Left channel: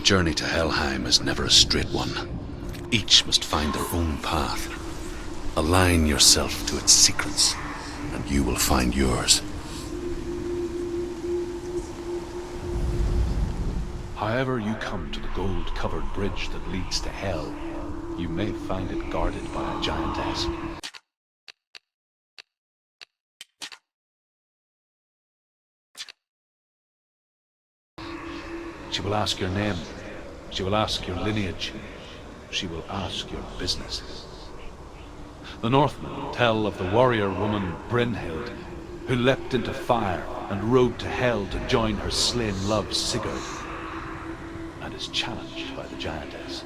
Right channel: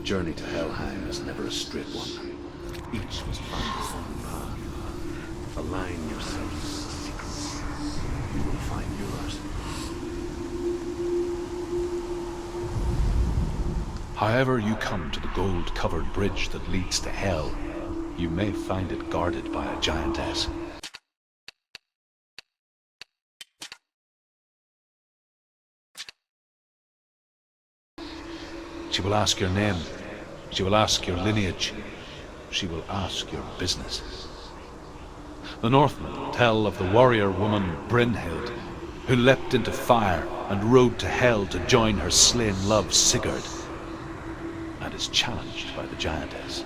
The journey to Helheim is never a straight one. Each must find their own path. Align yourself to its secrets, and you will find yours. However you come to the gold-covered bridge that leads to Hell, you may find it guarded by a giantess. She will ask your name. She will ask your lineage. She will ask your business. The Northmen tell of the warrior woman Brynhild, who leapt into fire and rode to Hell to join her slain love Sigurd, and is challenged by the giantess.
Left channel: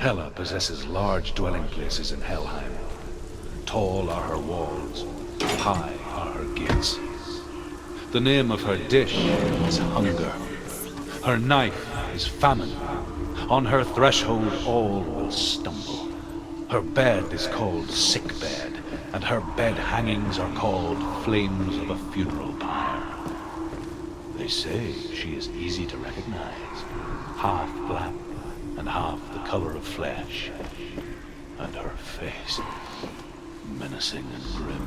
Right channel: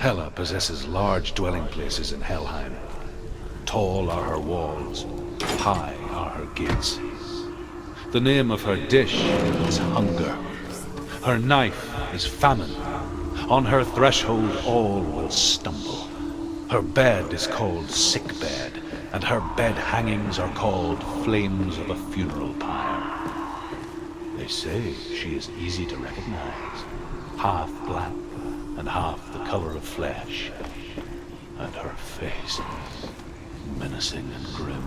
Hela possesses large dwelling places in Helheim. Tall are her walls, high are her gates. The name of her dish is hunger. Her knife is famine. On her threshold all will stumble. Her bed is called sick bed, and her bed hangings are called flames of a funeral pyre. They say she is easy to recognize, half black and half the color of flesh, and her face menacing and grim.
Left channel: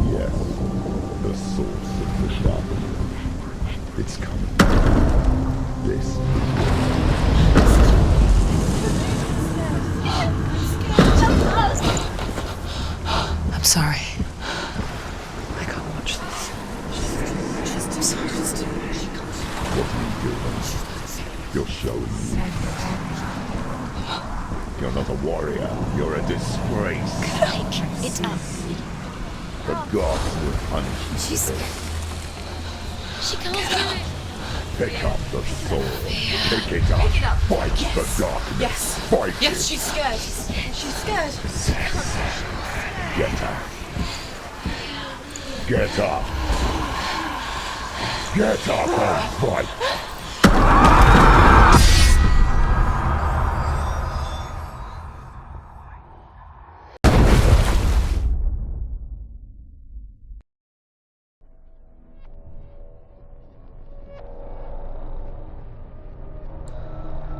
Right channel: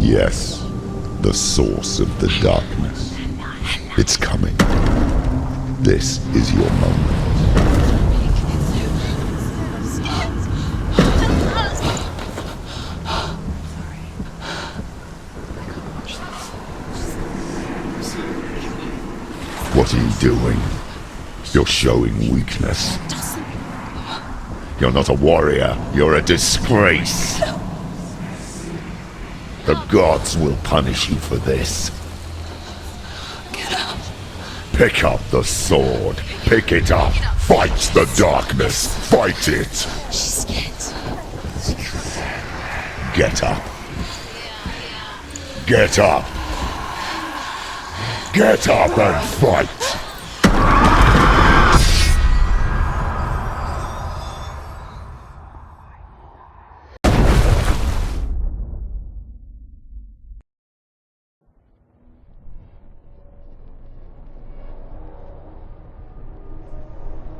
Yes, the source of the darkness. It's coming. This is your moment. I'm sorry. I can't watch this. What are you doing? You're showing weakness. You're not a warrior. You're a disgrace. The gods will punish you for this. Pick up the sword. Pick it up. Fight the darkness. Fight it. Get up. Get up. Get up and fight.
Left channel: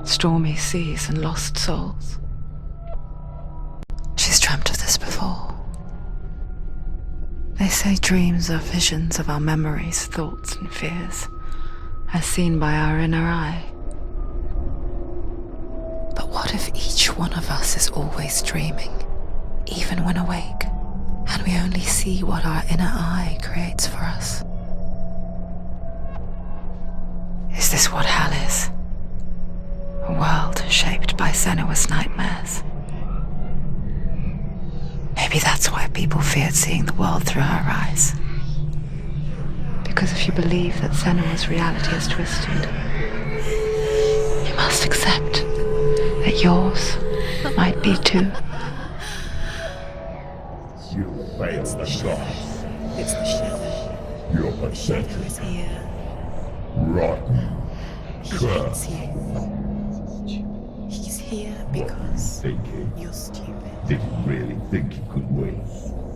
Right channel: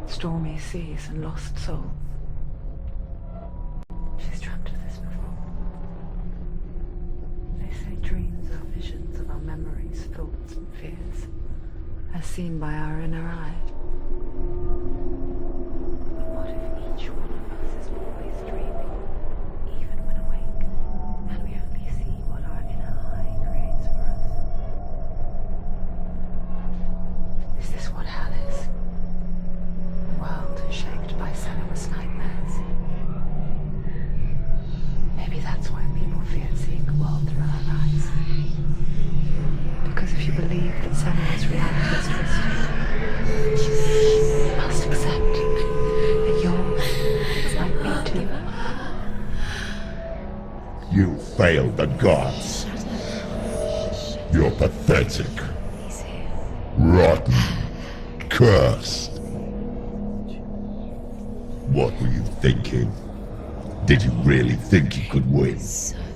Stormy seas and lost souls. She's dreamt of this before. They say dreams are visions of our memories, thoughts and fears, as seen by our inner eye. But what if each one of us is always dreaming, even when awake, and we only see what our inner eye creates for us? Is this what hell is? A world shaped by Senua's nightmares. Maybe that's why people feared seeing the world through her eyes. Because if you believe that Senua's reality is twisted, you must accept that yours might be too. You failed the gods. You're pathetic. Rotten. Cursed. What were you thinking? Did you really think you could win?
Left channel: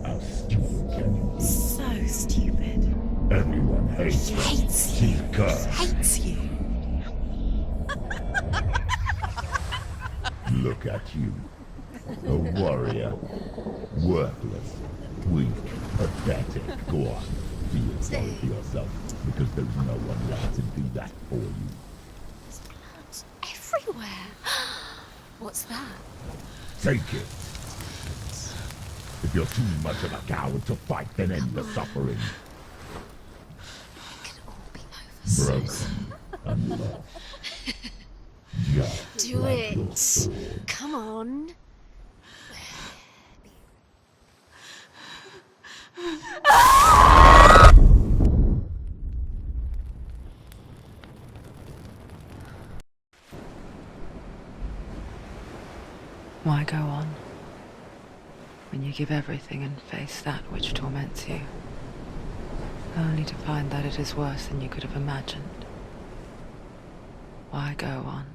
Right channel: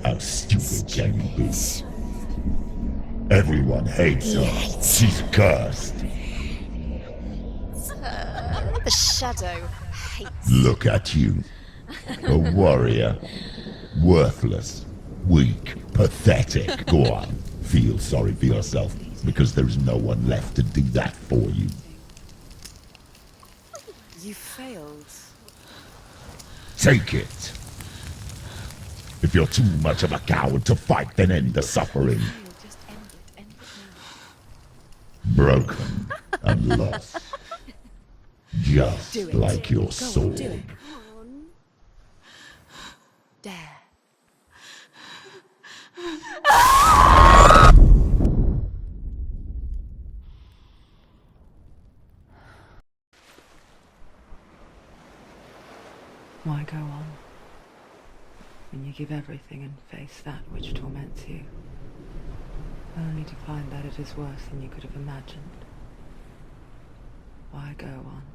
How stupid can you be? So stupid. Everyone hates her. She's cursed. The shadow hates. Look at you. A warrior. Worthless. Weak. Pathetic. Go on. Feel sorry for yourself, because there's no one left to do that for you. Everywhere. You failed. What's that? Take it. If you're too much of a coward to fight, then end the suffering. Broken and lost. Just like your sword. Come on. Dare. Why go on when you give everything and face that which torments you, only to find that it is worse than you could have imagined? Why go on?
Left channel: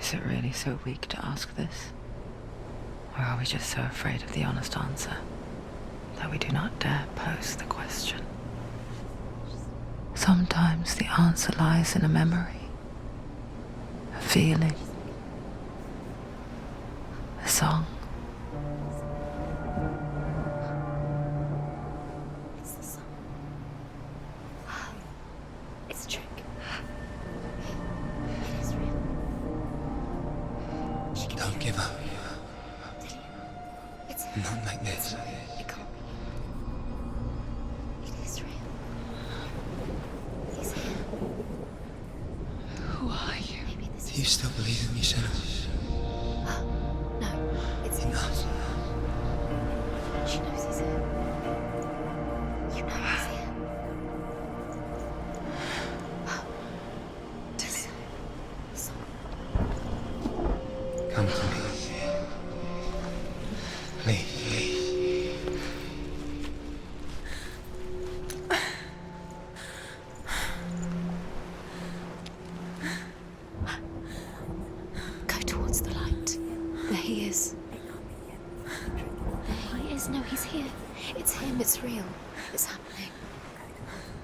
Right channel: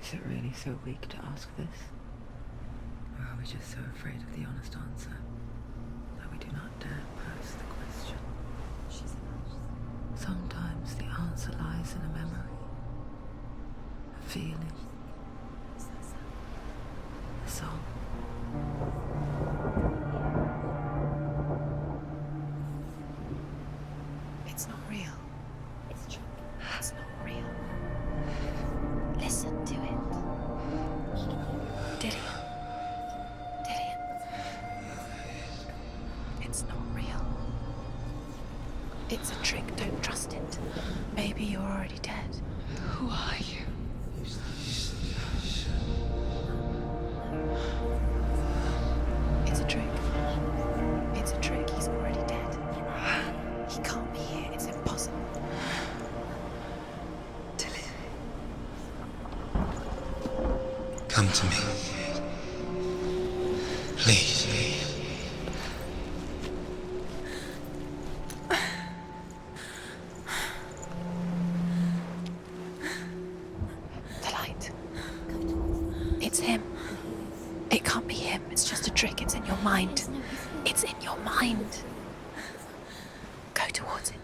Is it really so weak to ask this? Or are we just so afraid of the honest answer that we do not dare pose the question? Sometimes the answer lies in a memory, a feeling, a song. It's not real. It's a trick. It's not real. It is real. Listen to it. Don't give up. Did it? Not like this. It's not real. It is real. It's a trick. Don't trust it. Maybe you're already dead. Who are you? Do you still believe in yourself? No, it's not. It's a trick. She knows it's here. It's a trick. He's already dead. He knows he's here. He can't be here. It's impossible. Come to me. Please. The light. Go towards the light. It's him. There he is. It can't be him. It's just a trick. It's in your mind. No, he's here. It's in your mind. It's real. It's happening. Go towards it.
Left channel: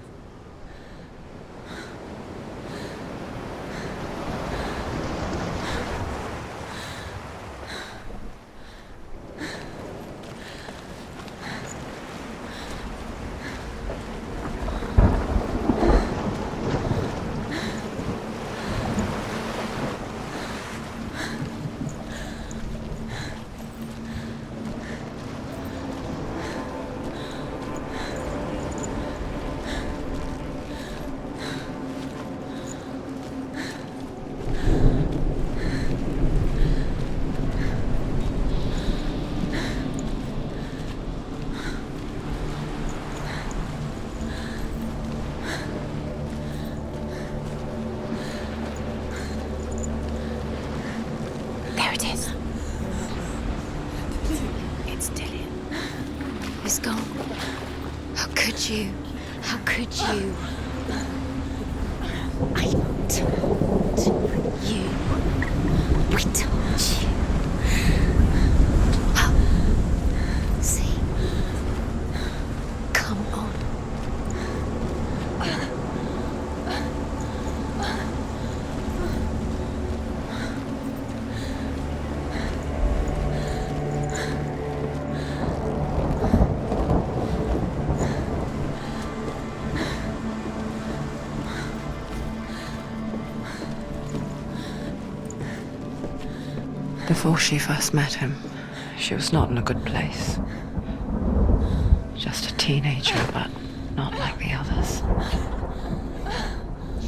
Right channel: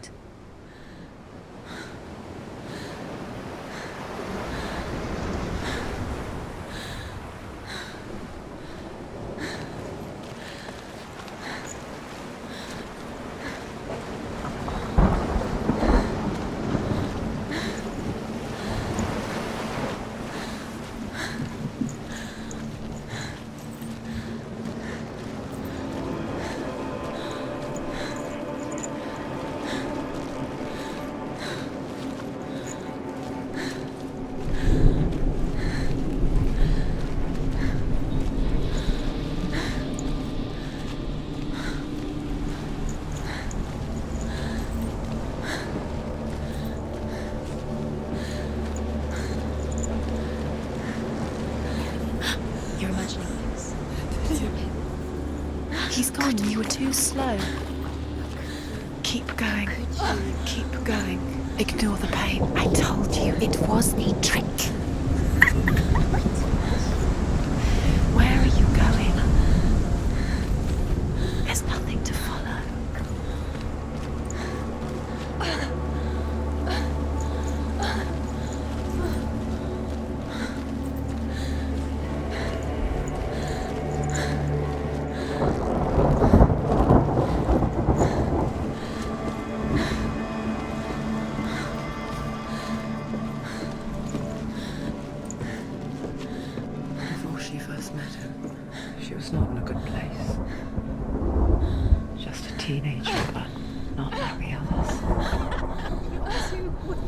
There it is. You're imagining this. It's Dillian. He's gone. You was gone. Slow. How could you? Keep going. How could you? Keep going. Ignore the pain. I told you it was the trick. I told you. Where are you going? See, there's nothing to follow. Come on. Before she first met him, she was not in a good place. Just a teenager, but not like the others.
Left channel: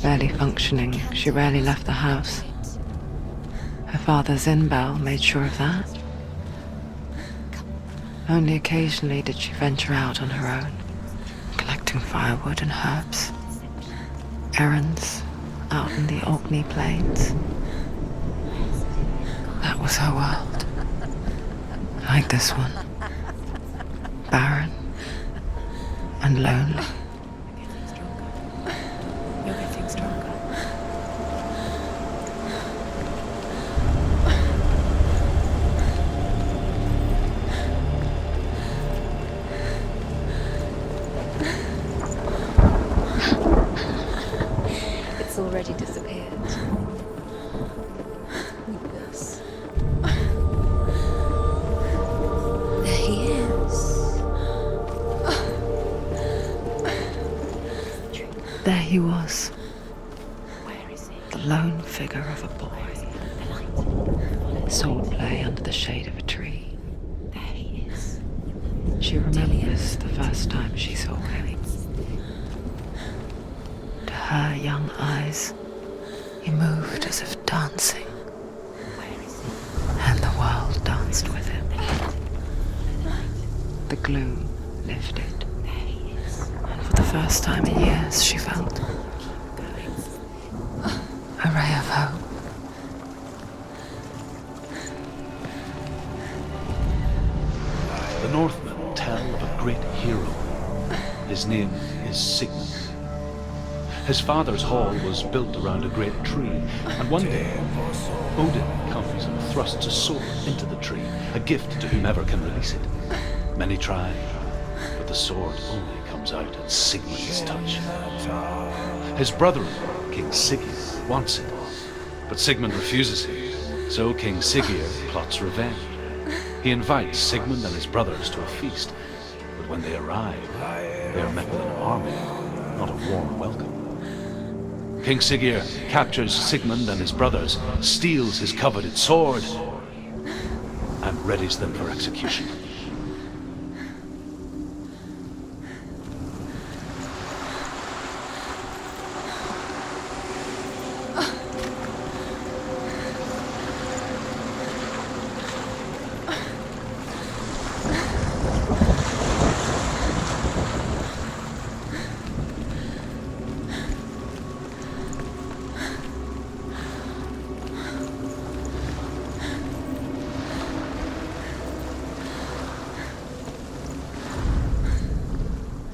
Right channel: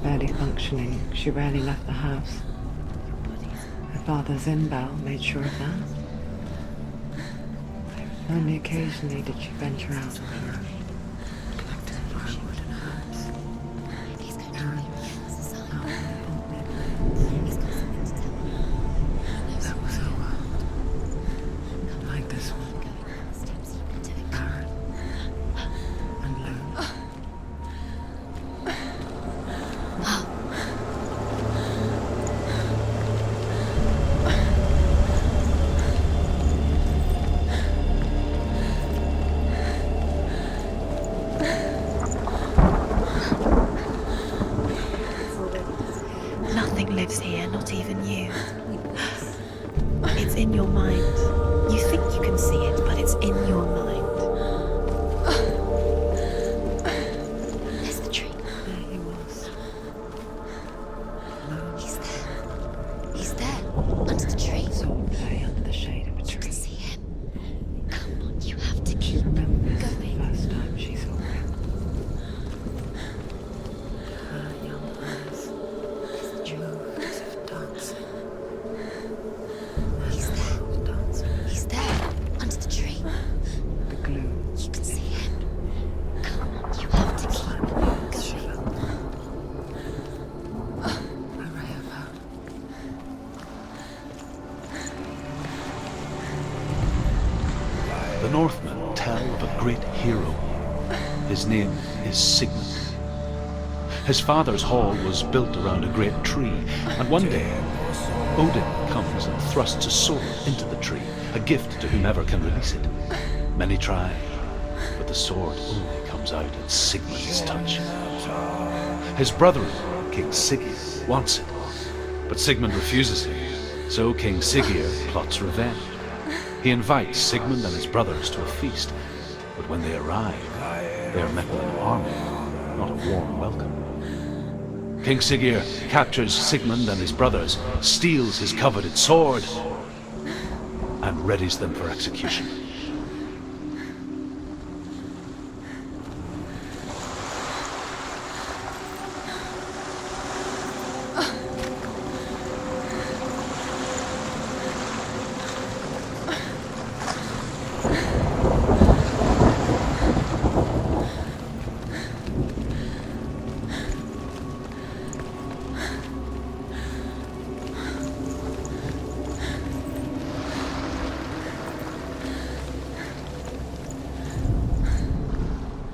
Barely functioning, she rarely left the house. Her father, Zinbal, made sure of that. Only occasionally did she venture out on her own. collecting firewood and herbs. Errands out in the Orkney Plains. That was her world. Like this one. Barren and lonely. It's already disappeared. Nothing lives here, not even you. It's in your mind. You think you can see it, but it's in your mind. There's the tree. There he was, Where is it? the lone figure of a boy. He's there, under the tree. Swordplay under the shade of a tree. See him? There he is. You have to. She remembers the first time she saw him. To her young eyes, he moved as if dancing, and the world danced with him. There, under the tree. The gloom lifted. For the first time in years, she felt a ray of hope. The Northmen tell of a great hero. His name is Sigmund. His father's hall was built around a great tree, and one day Odin comes and thrusts a sword into the tree, a gift to whomever can release it. Many try, but the sword only comes out at Sigmund's touch. His brother-in-law, King Siggeir, wants it, but Sigmund refuses him, so King Siggeir plots revenge. He invites Sigmund and his brothers to a feast, but when they arrive, they are met with an army, not a warm welcome. King Siggeir captures Sigmund and his brothers, steals his coveted sword, and readies them for execution.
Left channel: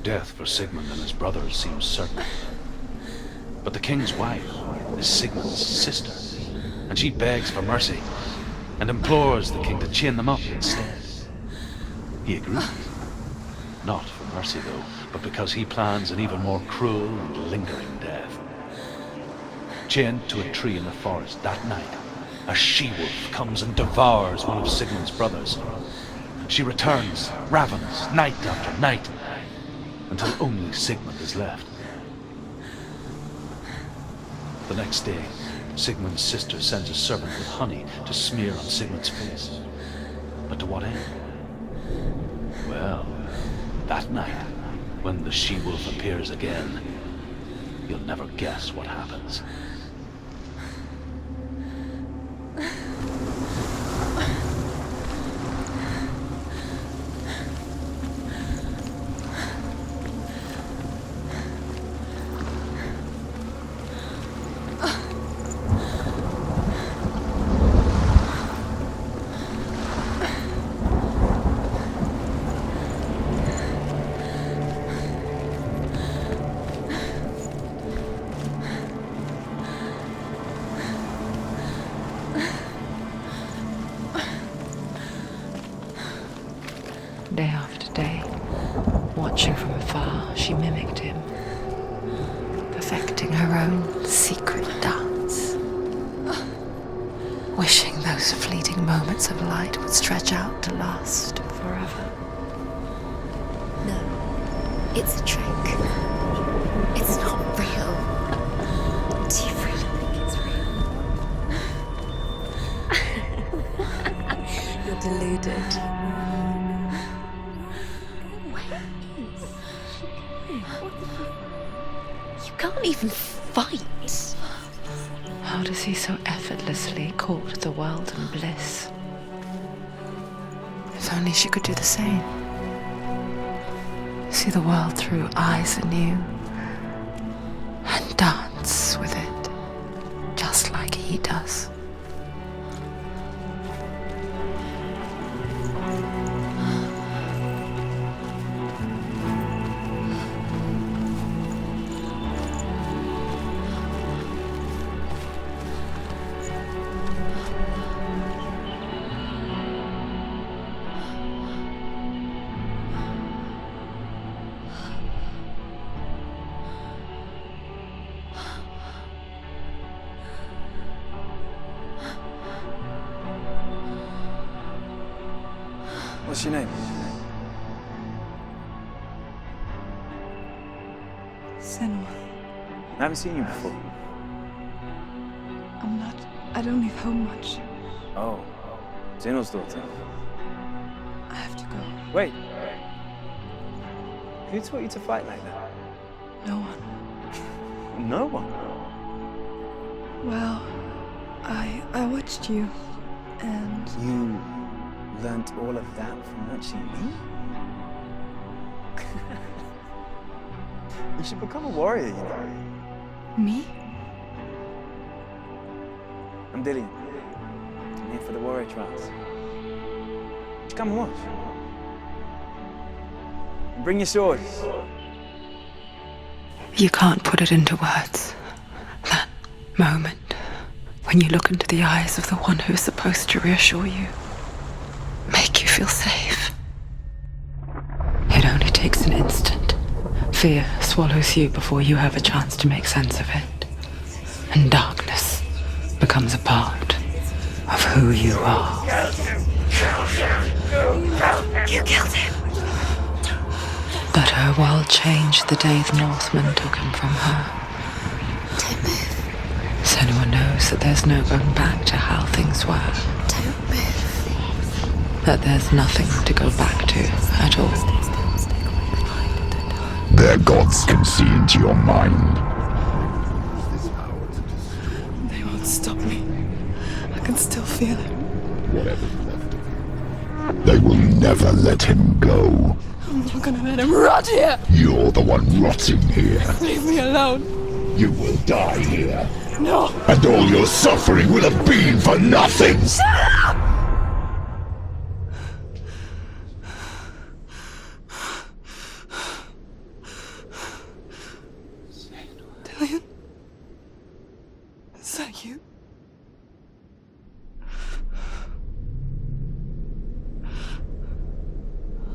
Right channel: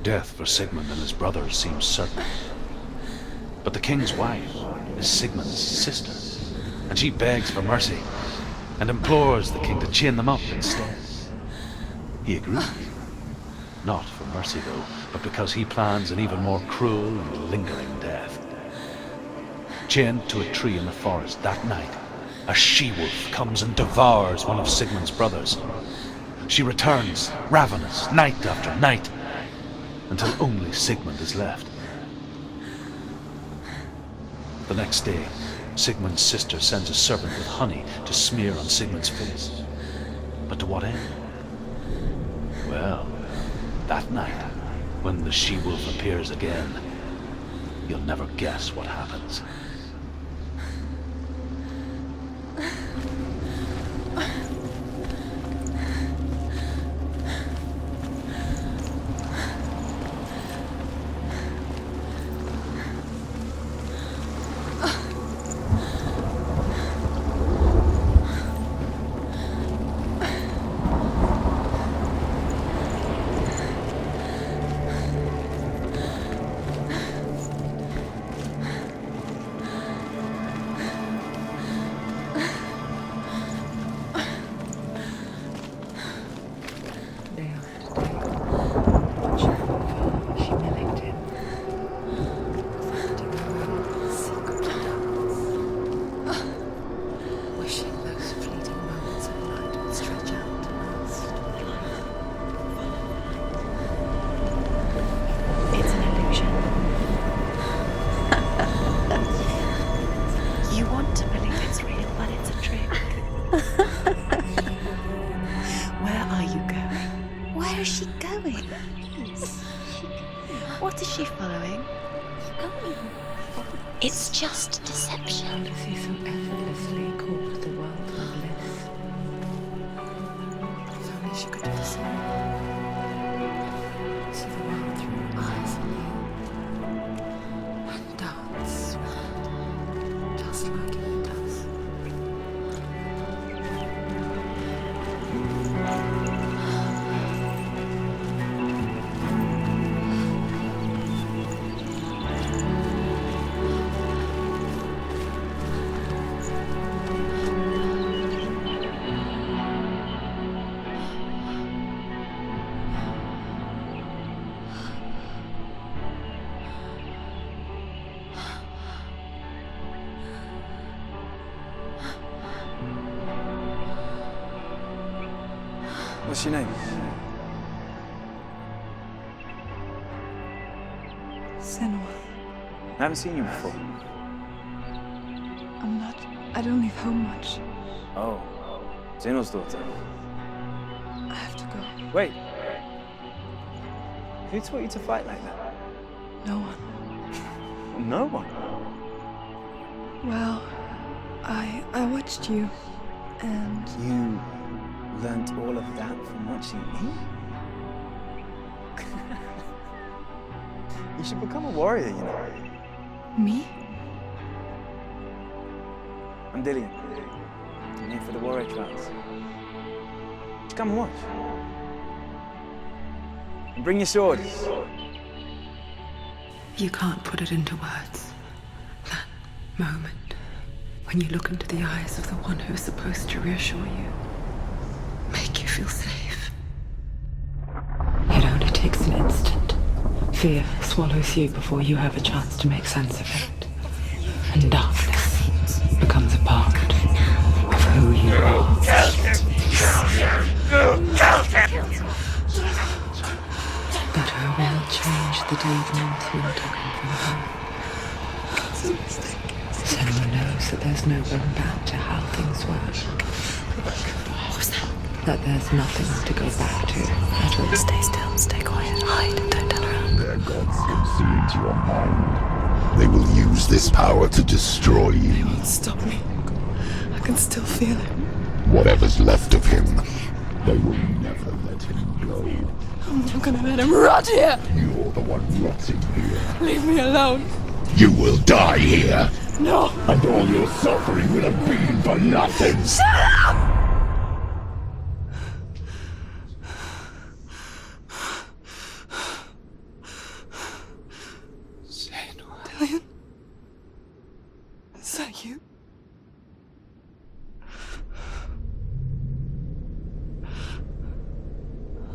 Death for Sigmund and his brothers seems certain. But the king's wife is Sigmund's sister, and she begs for mercy and implores the king to chain them up instead. He agrees. Not for mercy, though, but because he plans an even more cruel and lingering death. Chained to a tree in the forest that night, a she-wolf comes and devours one of Sigmund's brothers. She returns, ravenous, night after night, until only Sigmund is left. The next day, Sigmund's sister sends a serpent with honey to smear on Sigmund's face. But to what end? Well, that night, when the she-wolf appears again, you'll never guess what happens. Day after day, watching from afar, she mimicked him, perfecting her own secret dance, wishing those fleeting moments of light would stretch out to last forever. It's a trick. It's an illusion. It's not real. Don't you feel? You want to believe it's real, but it's a trick. You're deluded. Where are you going? Where is she going? What is she following? You can't even fight. It's just a deception. How does he so effortlessly court the world and bliss? If only she could do the same. See the world through eyes anew and dance with it, just like he does. What's your name? Senua. I haven't seen you before. I don't leave home much. Oh, Zeno's daughter. I have to go. Wait. Who taught you to fight like that? No one. No one. Well, I watched you, and You learnt all of that from watching me? You should become a warrior, you know. me? I'm Dillian. I'm here for the warrior trials. Just come and watch. And bring your sword. You can't put it into words. That moment when you look into the eyes of the one who's supposed to reassure you, make you feel safe. It only takes an instant. Fear swallows you before you have a chance to make sense of it. And darkness becomes a part of who you are. You killed him. But her world changed the day the Northmen took him from her. Senua knows that there's no going back to how things were. That there's nothing to go back to at all. Stay still, stay quiet, hide, don't tell her. Their gods can see into your mind. They will use this power to destroy you. They won't stop me. I can still feel him. Whatever's left of him, they will never let him go. I'm not gonna let him rot here. You're the one rotting here. Leave me alone. You will die here. No. And all your suffering will have been for nothing. Dillian? Is that you?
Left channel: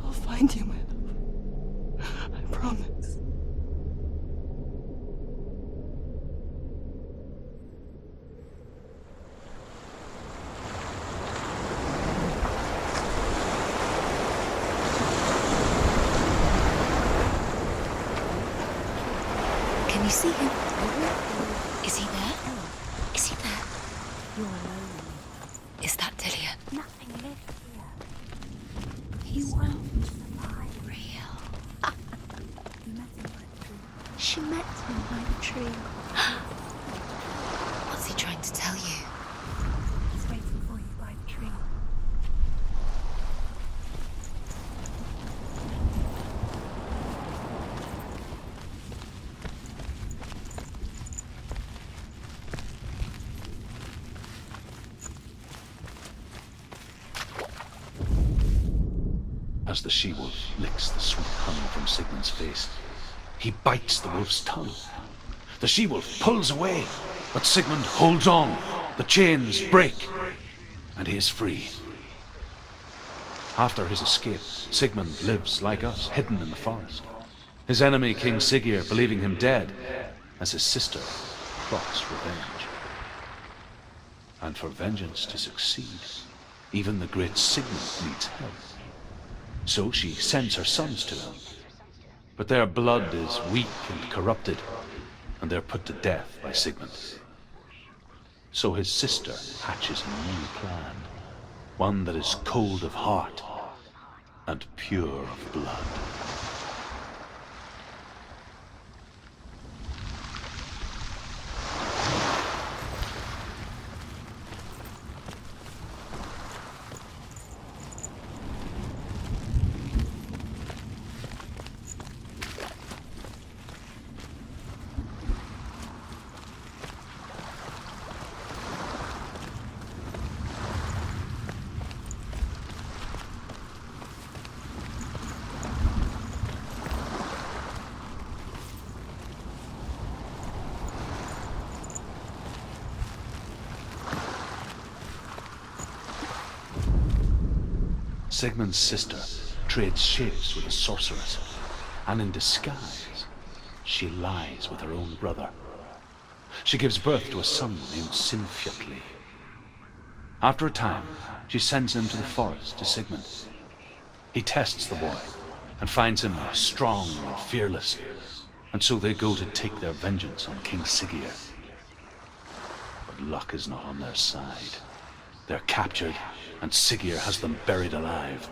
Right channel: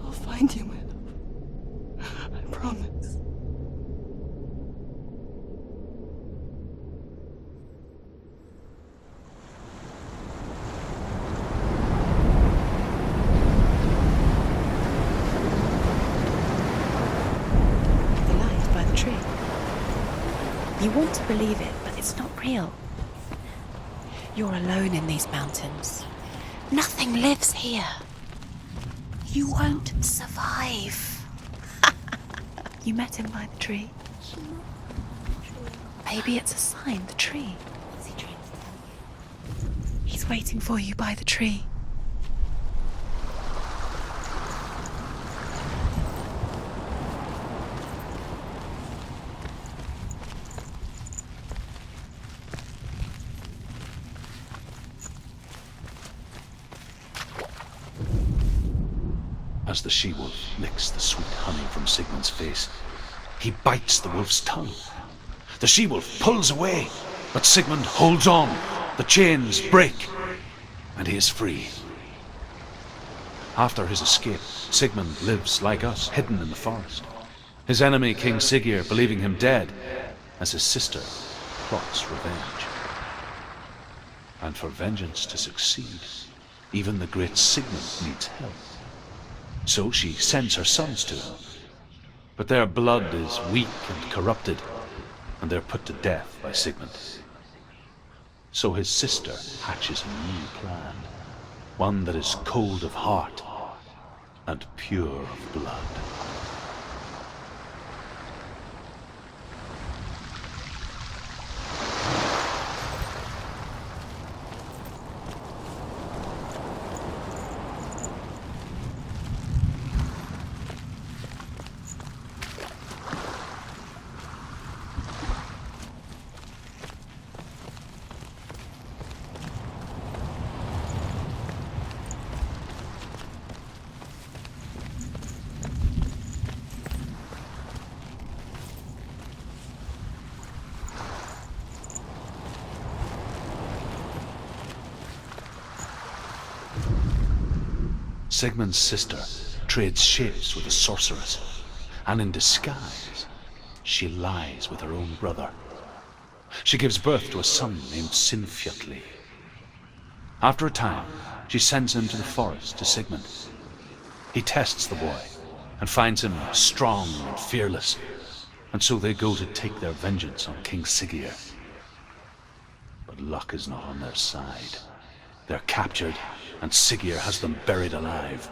I'll find you, my love. I promise. Can you see him? You want to believe it. Is he not real? Is he there? You're alone in these mountains. Is that Dillian? Nothing lives here. You won't survive. You met him by the tree. She met him by the tree. Maybe it's a sign, the tree. What's he trying to tell you? He's waiting for you by the tree. As the she-wolf licks the sweet honey from Sigmund's face, he bites the wolf's tongue. The she-wolf pulls away, but Sigmund holds on. The chains break, and he is free. After his escape, Sigmund lives like us, hidden in the forest. His enemy, King Siggeir, believing him dead, as his sister plots revenge. And for vengeance to succeed, even the great Sigmund needs help. So she sends her sons to him. But their blood is weak and corrupted, and they're put to death by Sigmund. So his sister hatches a new plan, one that is cold of heart and pure of blood. Sigmund's sister trades shapes with a sorceress, and in disguise, she lies with her own brother. She gives birth to a son named Sinfjotli. After a time, she sends him to the forest to Sigmund. He tests the boy and finds him strong and fearless, and so they go to take their vengeance on King Siggeir. But luck is not on their side. They're captured, and Siggeir has them buried alive.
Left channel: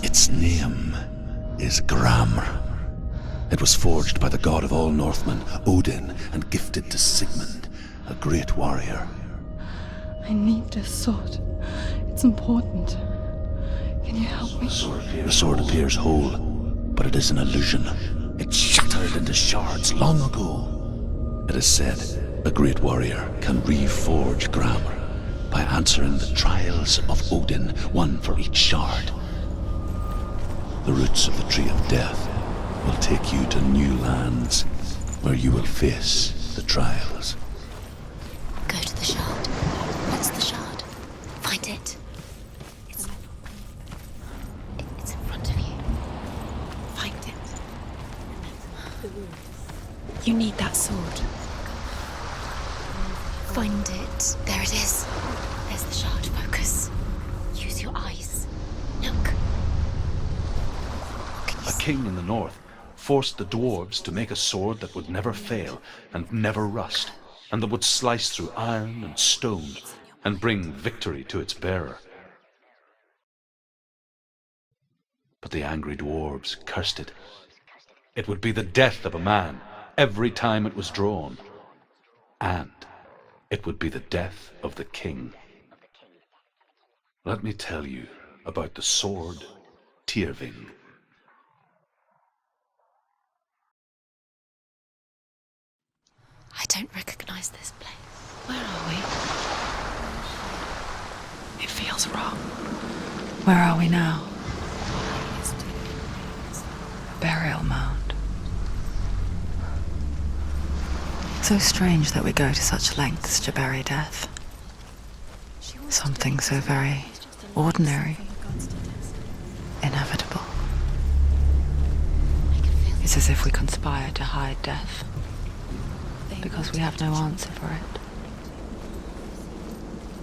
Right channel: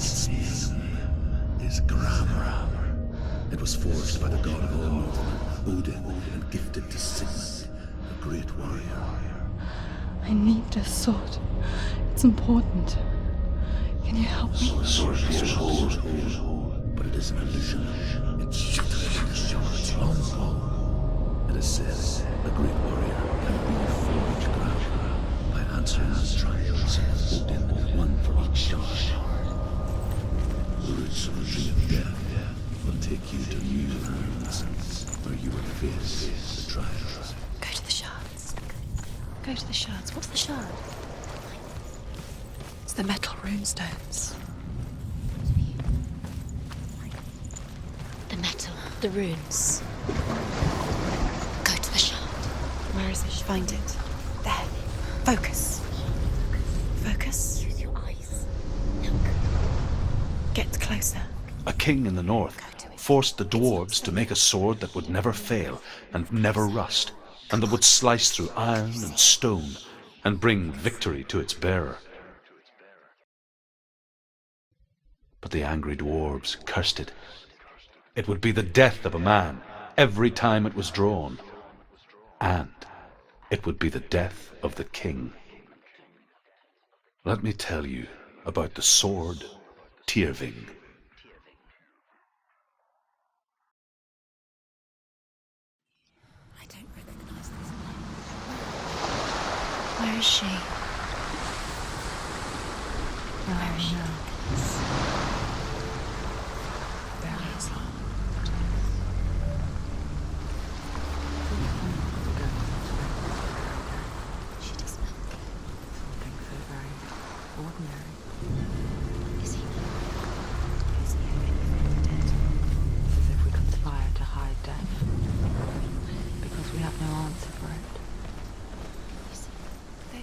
Its name is Gramr. It was forged by the god of all Northmen, Odin, and gifted to Sigmund, a great warrior. I need this sword. It's important. Can you help me? The sword appears whole, but it is an illusion. It shattered into shards long ago. It is said a great warrior can reforge Gramr by answering the trials of Odin, one for each shard. The roots of the Tree of Death will take you to new lands where you will face the trials. Go to the shard. Go to the shard. Go to the shard. What's the shard? Find it. It's the metal runestones. It's in front of you. Find it. The metal. The runes. You need that sword. Go to the shard. Where is it? Find it. There it is. Focus. There's the shard. Focus. Focus. Use your eyes. Look. Get closer. A king in the north forced the dwarves to make a sword that would never fail and never rust, and that would slice through iron and stone and bring victory to its bearer. But the angry dwarves cursed it. It would be the death of a man every time it was drawn, and it would be the death of the king. Let me tell you about the sword Tyrving. I don't recognize this place. Where are we? Where is she? It feels wrong. Where are we now? Burial mound. So strange that we go to such lengths to bury death. Something so very ordinary, inevitable. It's as if we conspire to hide death, because we have no answer for it.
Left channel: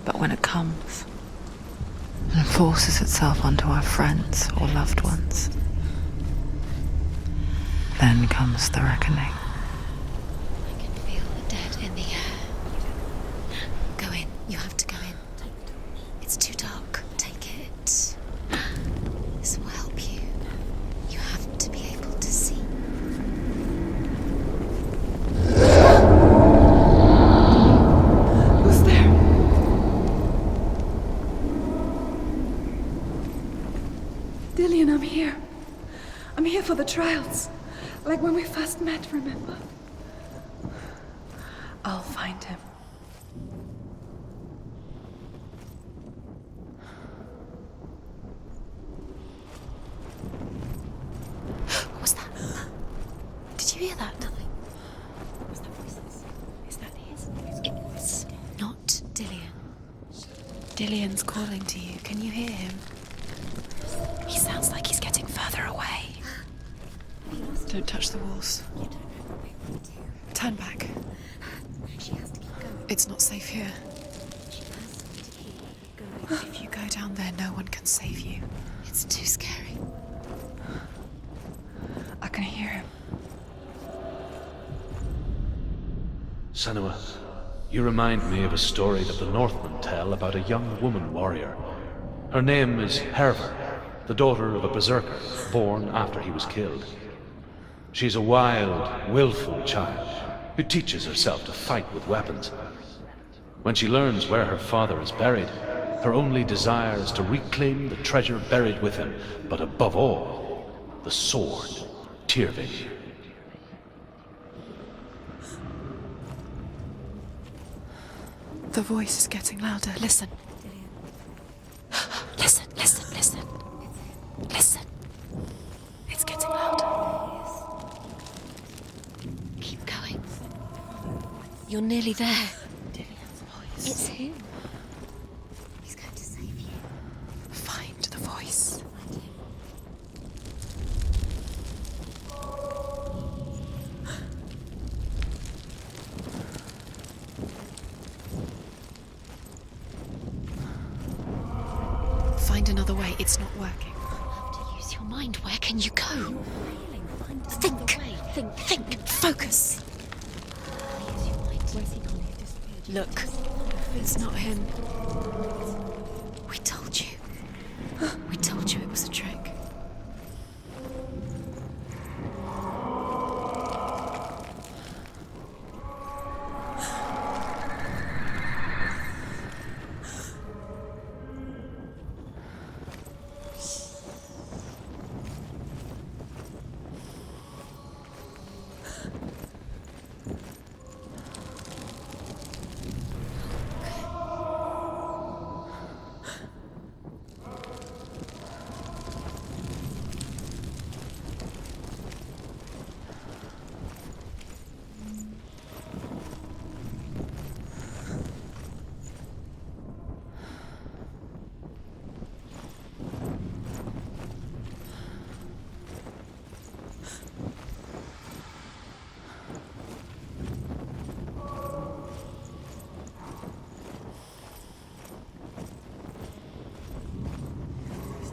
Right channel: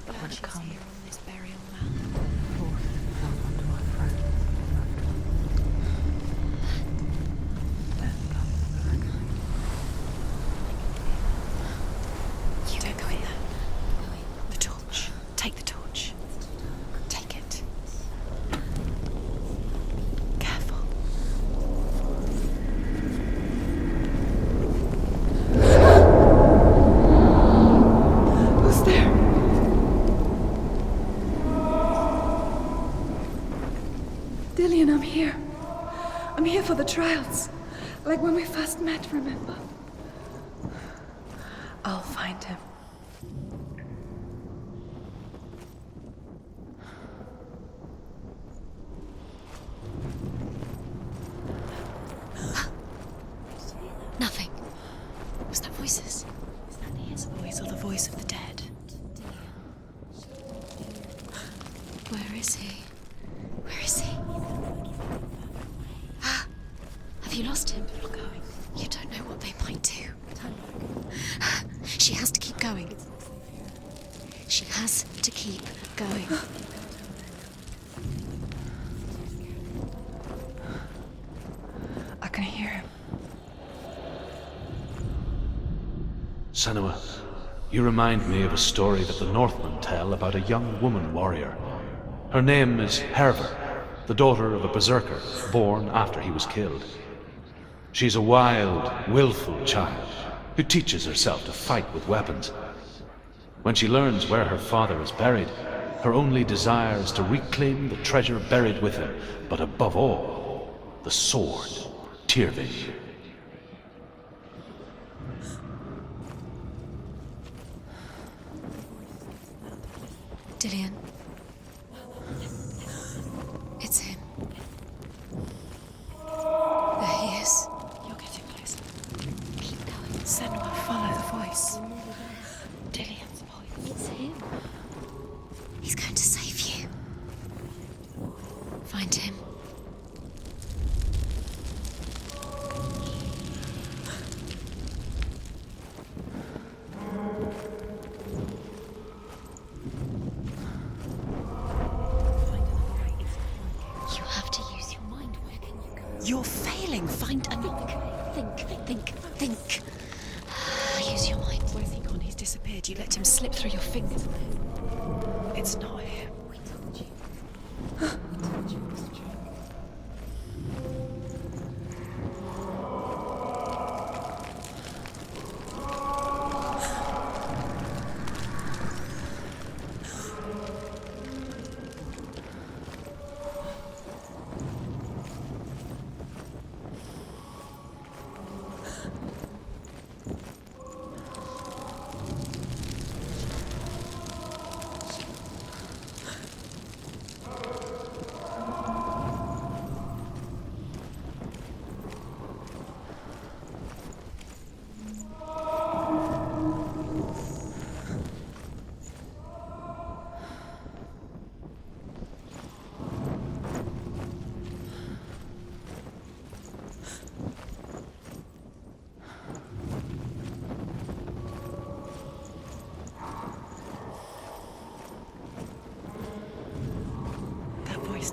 But when it comes and forces itself onto our friends or loved ones, then comes the reckoning. I can feel the dead in the air. You don't go in there. Go in. You have to go in. Take the torch. It's too dark. Take it. This will help you. Careful. You have to be able to see. Who's there? Dillian, I'm here. I'm here for the trials. Like when we first met, remember? I'll find him. What was that? Did you hear that? Nothing. Was that voices? Is that his voice or the voice of the dead? Not Dillian. Dillian's calling to you. Can you hear him? Where is he? He sounds like he's getting further away. animals. You don't know what they might do. Turn back. She has to keep going. It's not safe here. She has to keep going. If you go down there, no one can save you. It's too scary. I can hear him. Senua, you remind me of a story that the Northmen tell about a young woman warrior. Her name is Herver, the daughter of a berserker, born after he was killed. She's a wild, willful child who teaches herself to fight with weapons. When she learns where her father is buried, her only desire is to reclaim the treasure buried with him, but above all, the sword, Tyrving. The voice is getting louder. Listen, Dillian. Listen, listen, listen. It's him. Listen. It's getting louder. There he is. You're getting closer. Keep going. Senua, follow the voice. You're nearly there. Dillian's voice. It's him. He's going to save you. Find the voice. Find him. Find another way. It's not working. You have to use your mind. Where can you go? You're failing. Find another way. Think. Focus. Use your mind. Where's he gone? He's disappeared. You let him slip through your fingers. It's not him. It's not him. We told you. We told you it was a trick.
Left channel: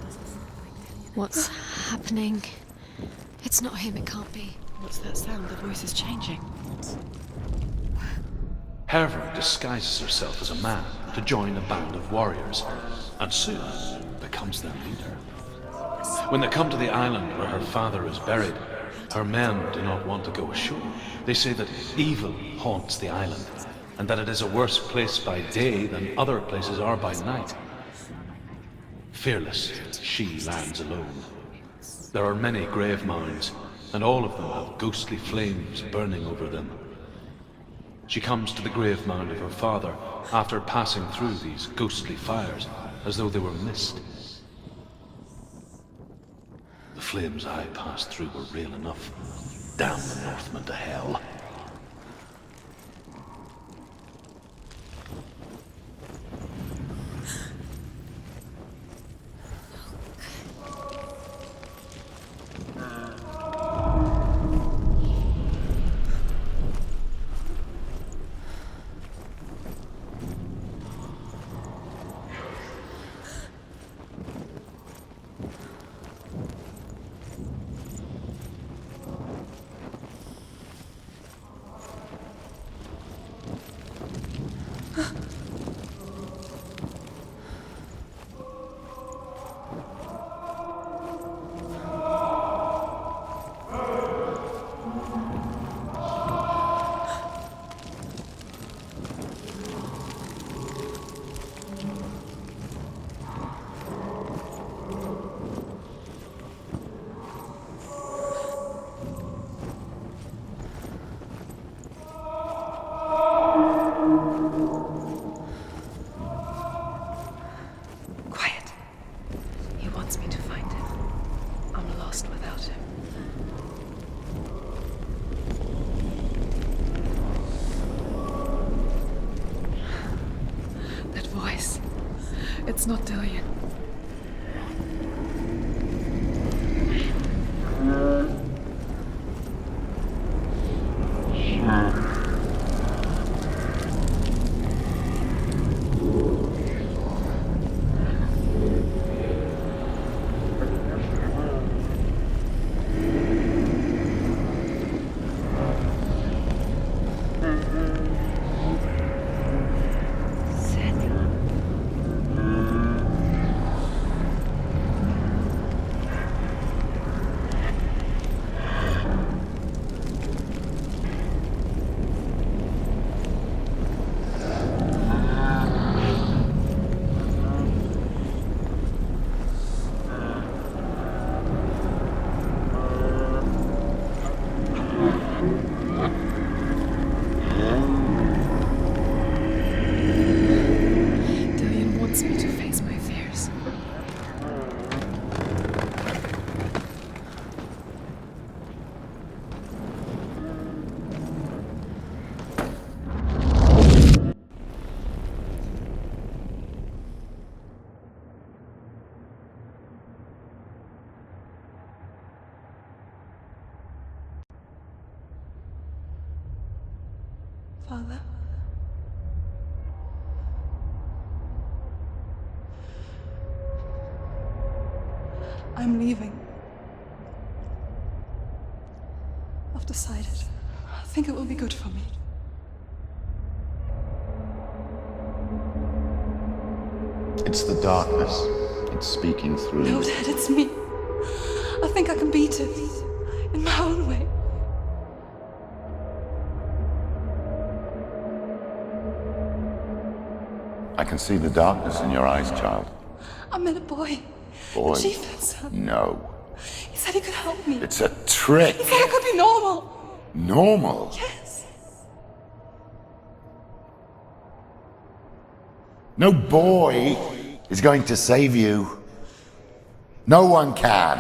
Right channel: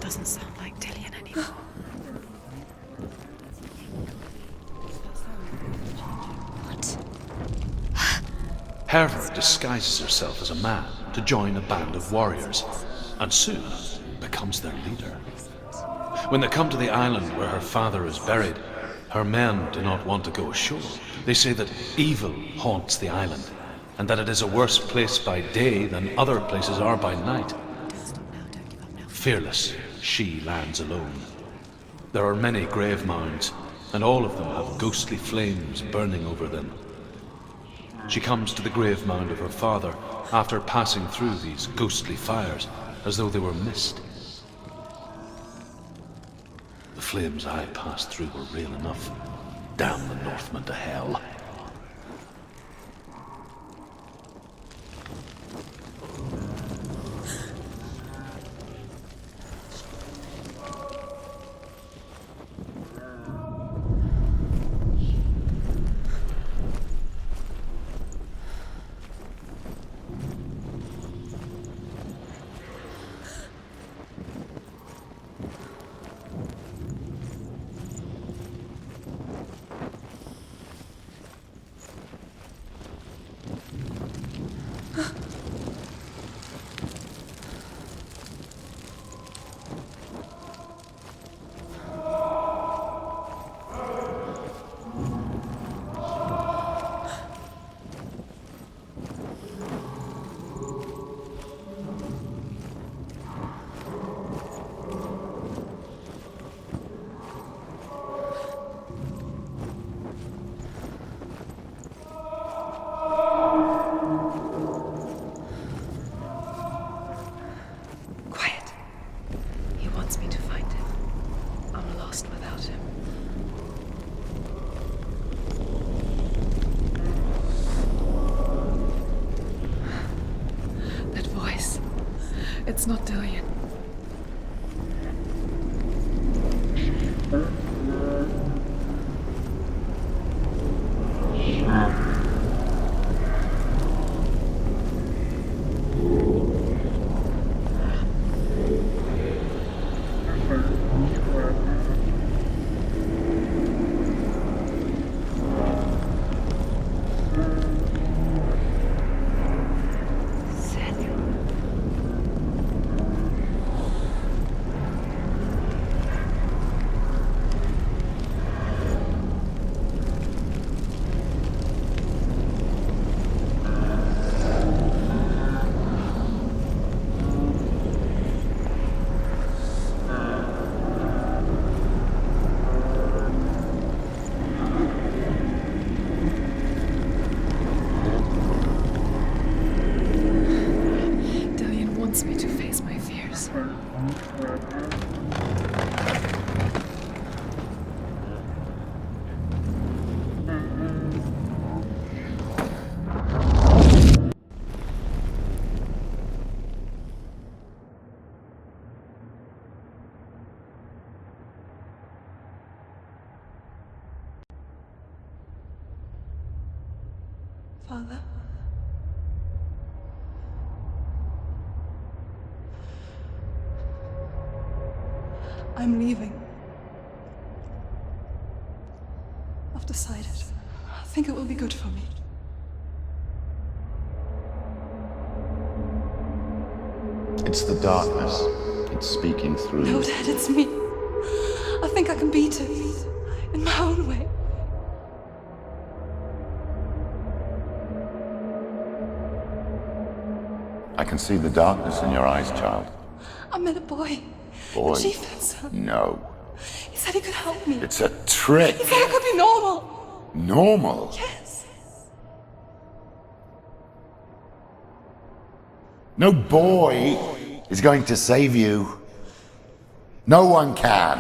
Doesn't sound like Dillian. What's happening? It's not him, it can't be. What's that sound? The voice is changing. What? Herver disguises herself as a man to join a band of warriors, and soon becomes their leader. When they come to the island where her father is buried, her men do not want to go ashore. They say that evil haunts the island, and that it is a worse place by day than other places are by night. Fearless, she lands alone. There are many grave mounds, and all of them have ghostly flames burning over them. She comes to the grave mound of her father after passing through these ghostly fires, as though they were mist. The flames I passed through were real enough. Damn the Northmen to hell. It's not Dillian. Father. I'm leaving. I've decided. I think it will be good for me. It's the darkness. It's speaking through No, you. Dad, it's me. I think I can beat it. In my own way. I can see the darkness in your eyes, child. I met a boy. Boy. The chieftain's son. No. He said he could help me. It's a trick. He said I could be normal. Normal. Yes. No boy is going to save you. No one can.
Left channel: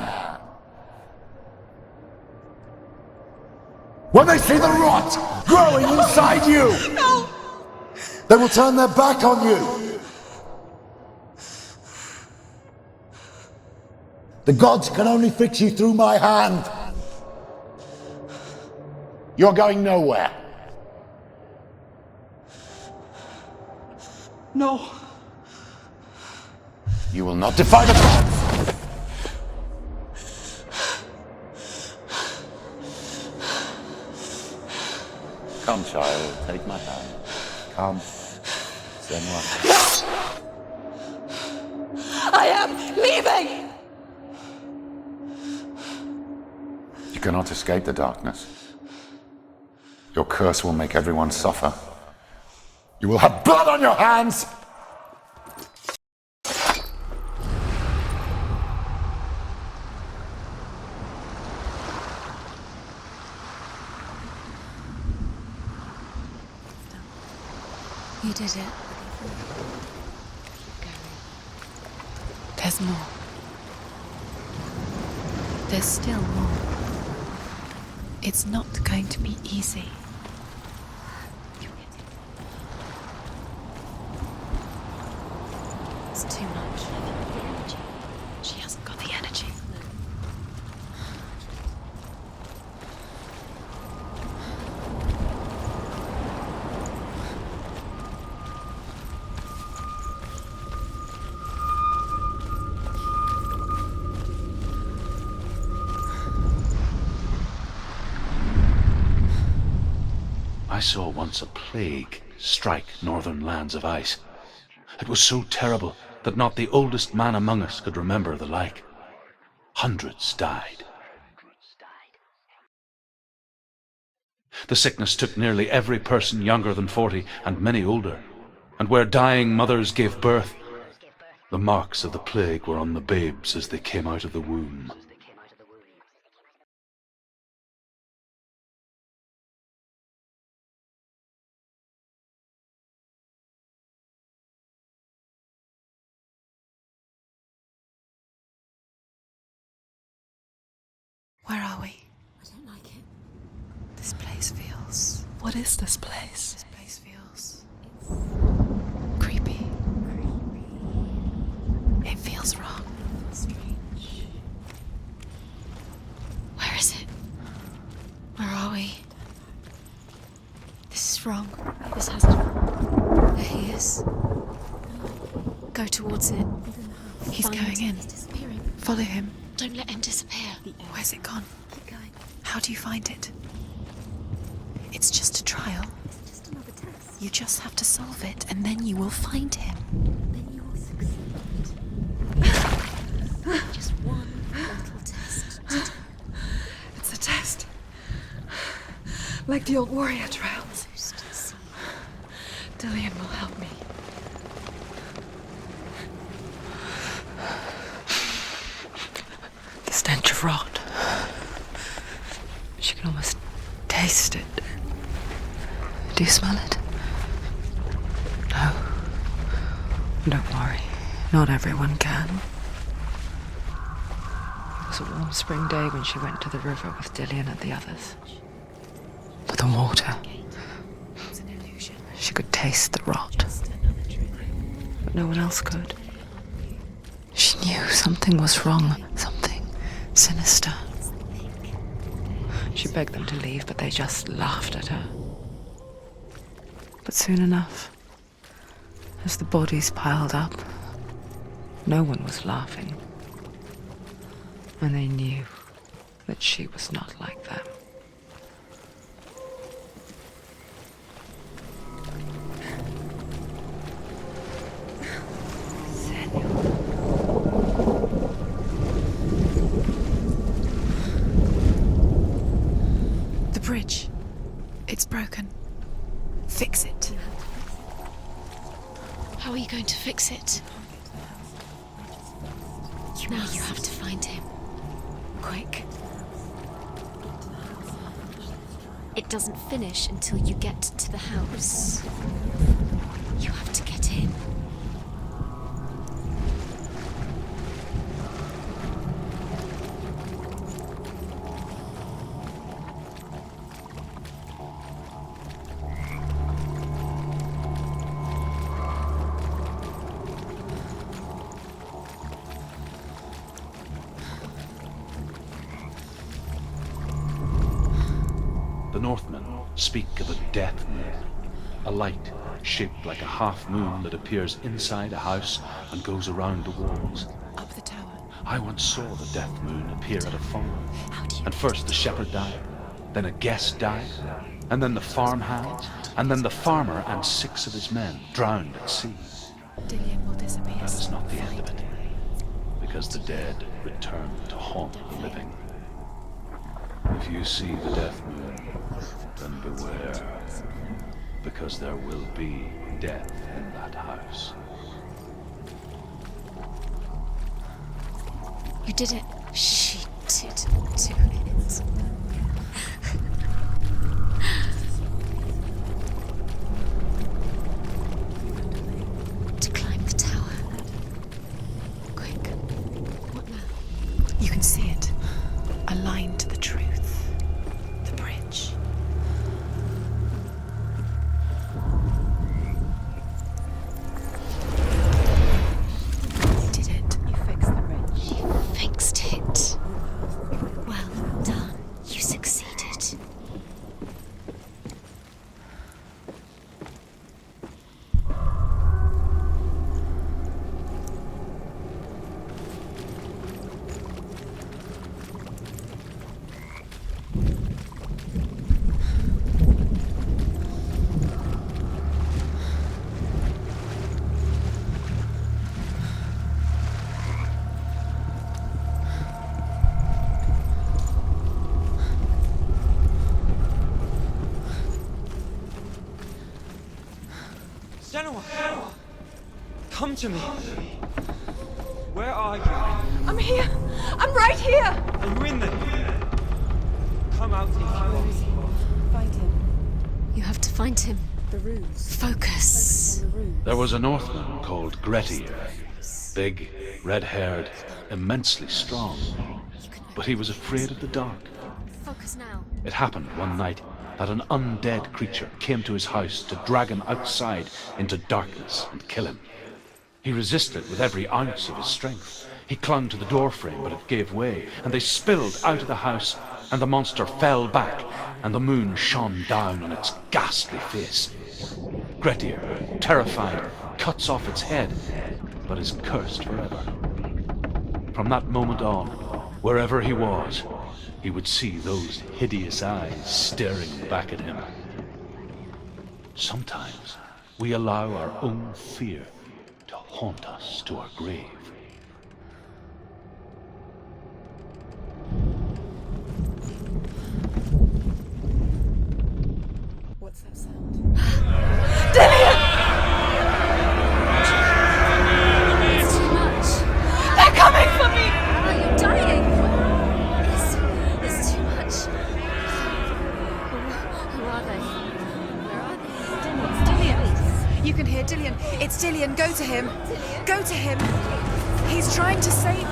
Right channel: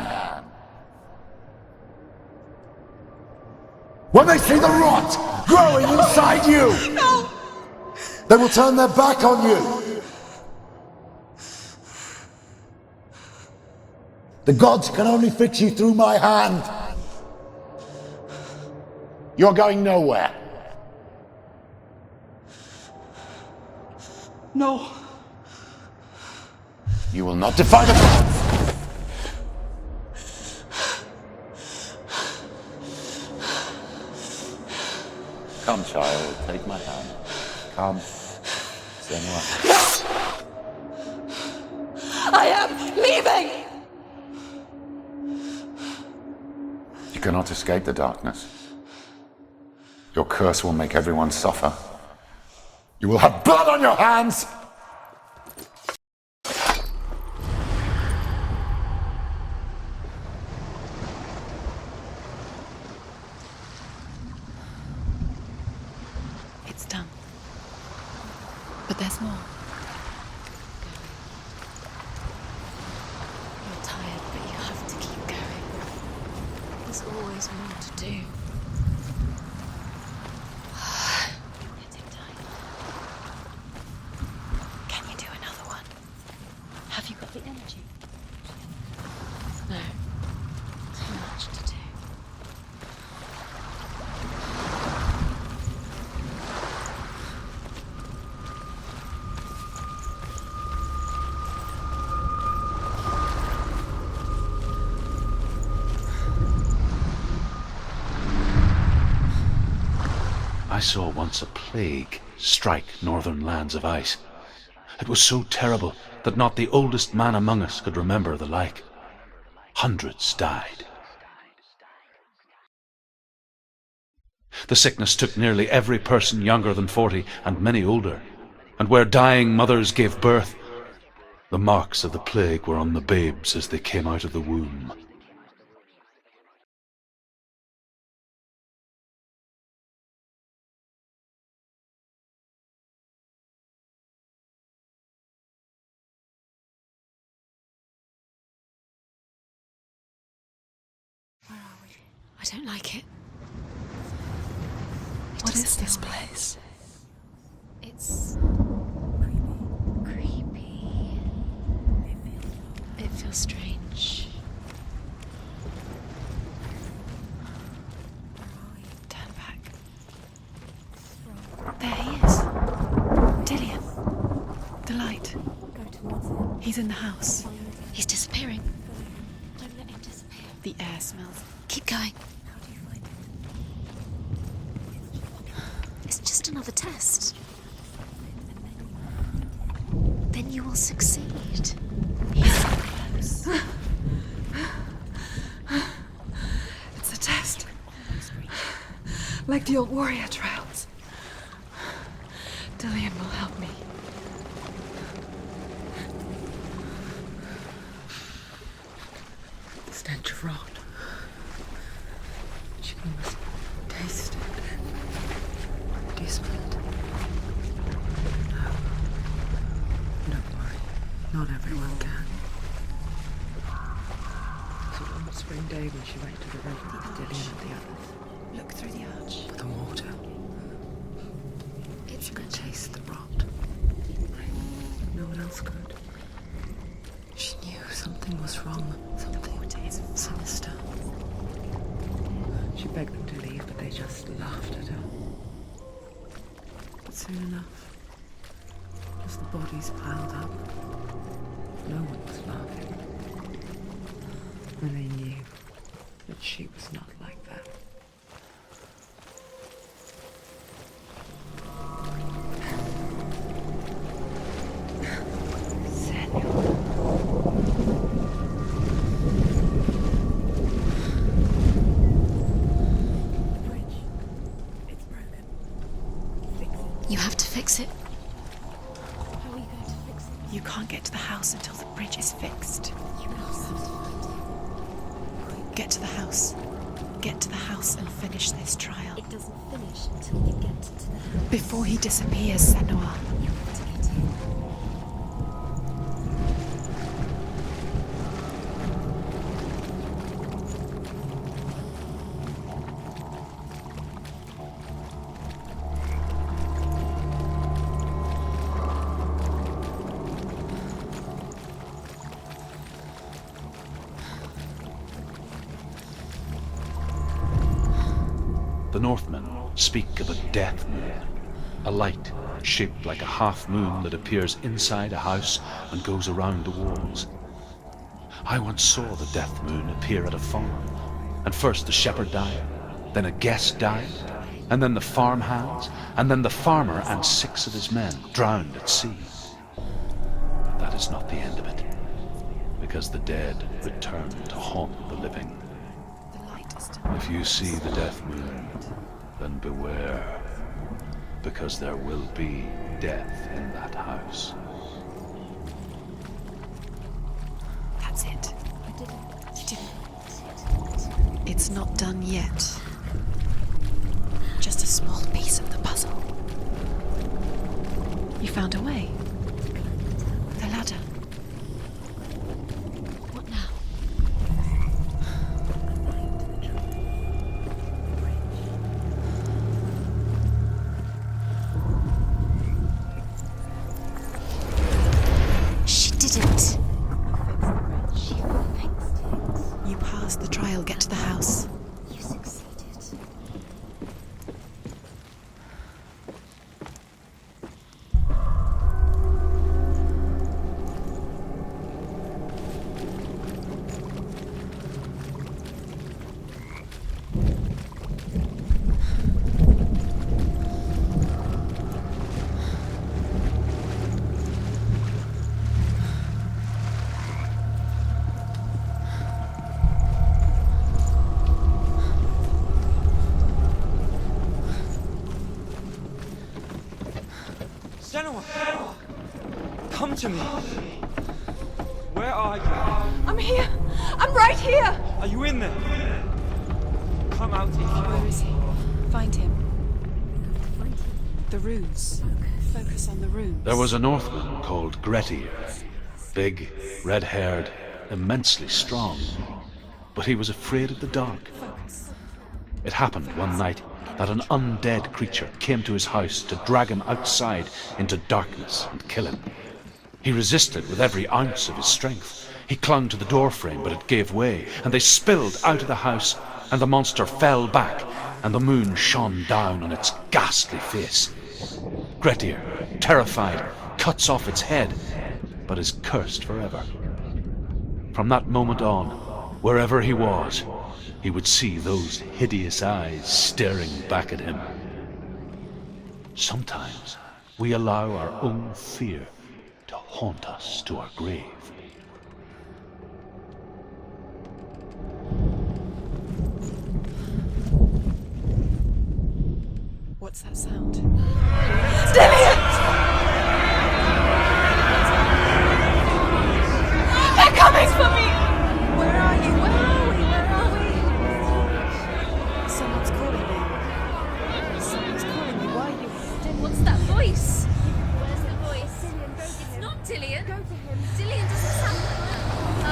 When they see the rot growing inside you, No! they will turn their back on you. The gods can only fix you through my hand. You're going nowhere. No. You will not defy the gods. Come, child, take my hand. Come. Senua. I am leaving! You cannot escape the darkness. Your curse will make everyone suffer. You will have blood on your hands! It's done. You did it, but there's more. There's more. You're tired, but you have to keep going. There's still more. There's always more to do. It's not going to be easy. You're getting tired. Can you do another one? It's too much. Have you got the energy? She hasn't got the energy. No. Too much to do. I saw once a plague strike northern lands of ice. It was so terrible that not the oldest man among us could remember the like. Hundreds died. The sickness took nearly every person younger than 40 and many older, and where dying mothers gave birth, the marks of the plague were on the babes as they came out of the womb. Where are we? I don't like it. This place feels... What is this place? This place feels... It's... creepy. Creepy. It feels wrong. It feels strange. Where is it? Where are we? Turn back. This is wrong. There he is. There he is. The light. Go towards it. He's in the house. He's going in. He's disappearing. Follow him. Don't let him disappear. The air. Where's it gone? Keep going. How do you find it? It's just a trial. It's just another test. You just have to solve it, and then you will find him. Then you will succeed. Just one test. It's a test. Like the old warrior trials. Dillian will help me. The stench of rot. She can almost taste it. Do you smell it? No. Don't worry. Not everyone can. It was a warm spring day when she went to the river with Dillian and the others. For the water. She could taste the rot. But no one else could. She knew something was wrong. Something sinister. She begged them to leave, but they just laughed at her. But soon enough, as the bodies piled up, no one was laughing. And they knew that she was not like them. The bridge. It's broken. Fix it. You have to fix it. How are you going to fix it? You can't get to the house until the bridge is fixed. You have to find him. Quick, get to the house. Get to the house and finish this trial. It doesn't finish until you get to the house. Before he disappears, Senua. You have to get in. The Northmen speak of a death moon, a light shaped like a half moon that appears inside a house and goes around the walls. Up the tower. I once saw the death moon appear at a farm, and first the shepherd died, then a guest died, and then the farm hands, and then the farmer and 6 of his men drowned at sea. That is not the end of it, because the dead return to haunt the living. If you see the death moon, then beware, because there will be death in that house. That's it. You did it. She did. It's not done yet. Just a small piece of the puzzle. You found a way to climb the tower. The ladder. Quick. What now? You can see it. A line to the truth. The bridge. She did it. You fixed the bridge. You fixed it. You passed the trial. Get to the house. You succeeded. Senua! Come to me! Where are you? I'm here! I'm right here! Are you in there? Come out if you are. Where is he? Find him. You have to find him. The runes. Focus on the runes. There was a Northman called Grettir, big, red-haired, immensely strong, but he was afraid of the dark. Focus now. It happened one night that an undead creature came to his house to drag him outside into darkness and kill him. He resisted with every ounce of his strength. He clung to the doorframe, but it gave way, and they spilled out of the house, and the monster fell back, and the moon shone down on its ghastly face. Grettir, terrified, cuts off its head, but is cursed forever. From that moment on, wherever he was, he would see those hideous eyes staring back at him. Sometimes we allow our own fear to haunt us to our grave. What's that sound? They're coming for me! Are you dying? It's too much. Someone's calling you. Someone's calling you, right? What's that voice? You can hear Dillian. It's Dillian. Go to him. Dillian? Go to him. Dillian doesn't sound He's trying to save you.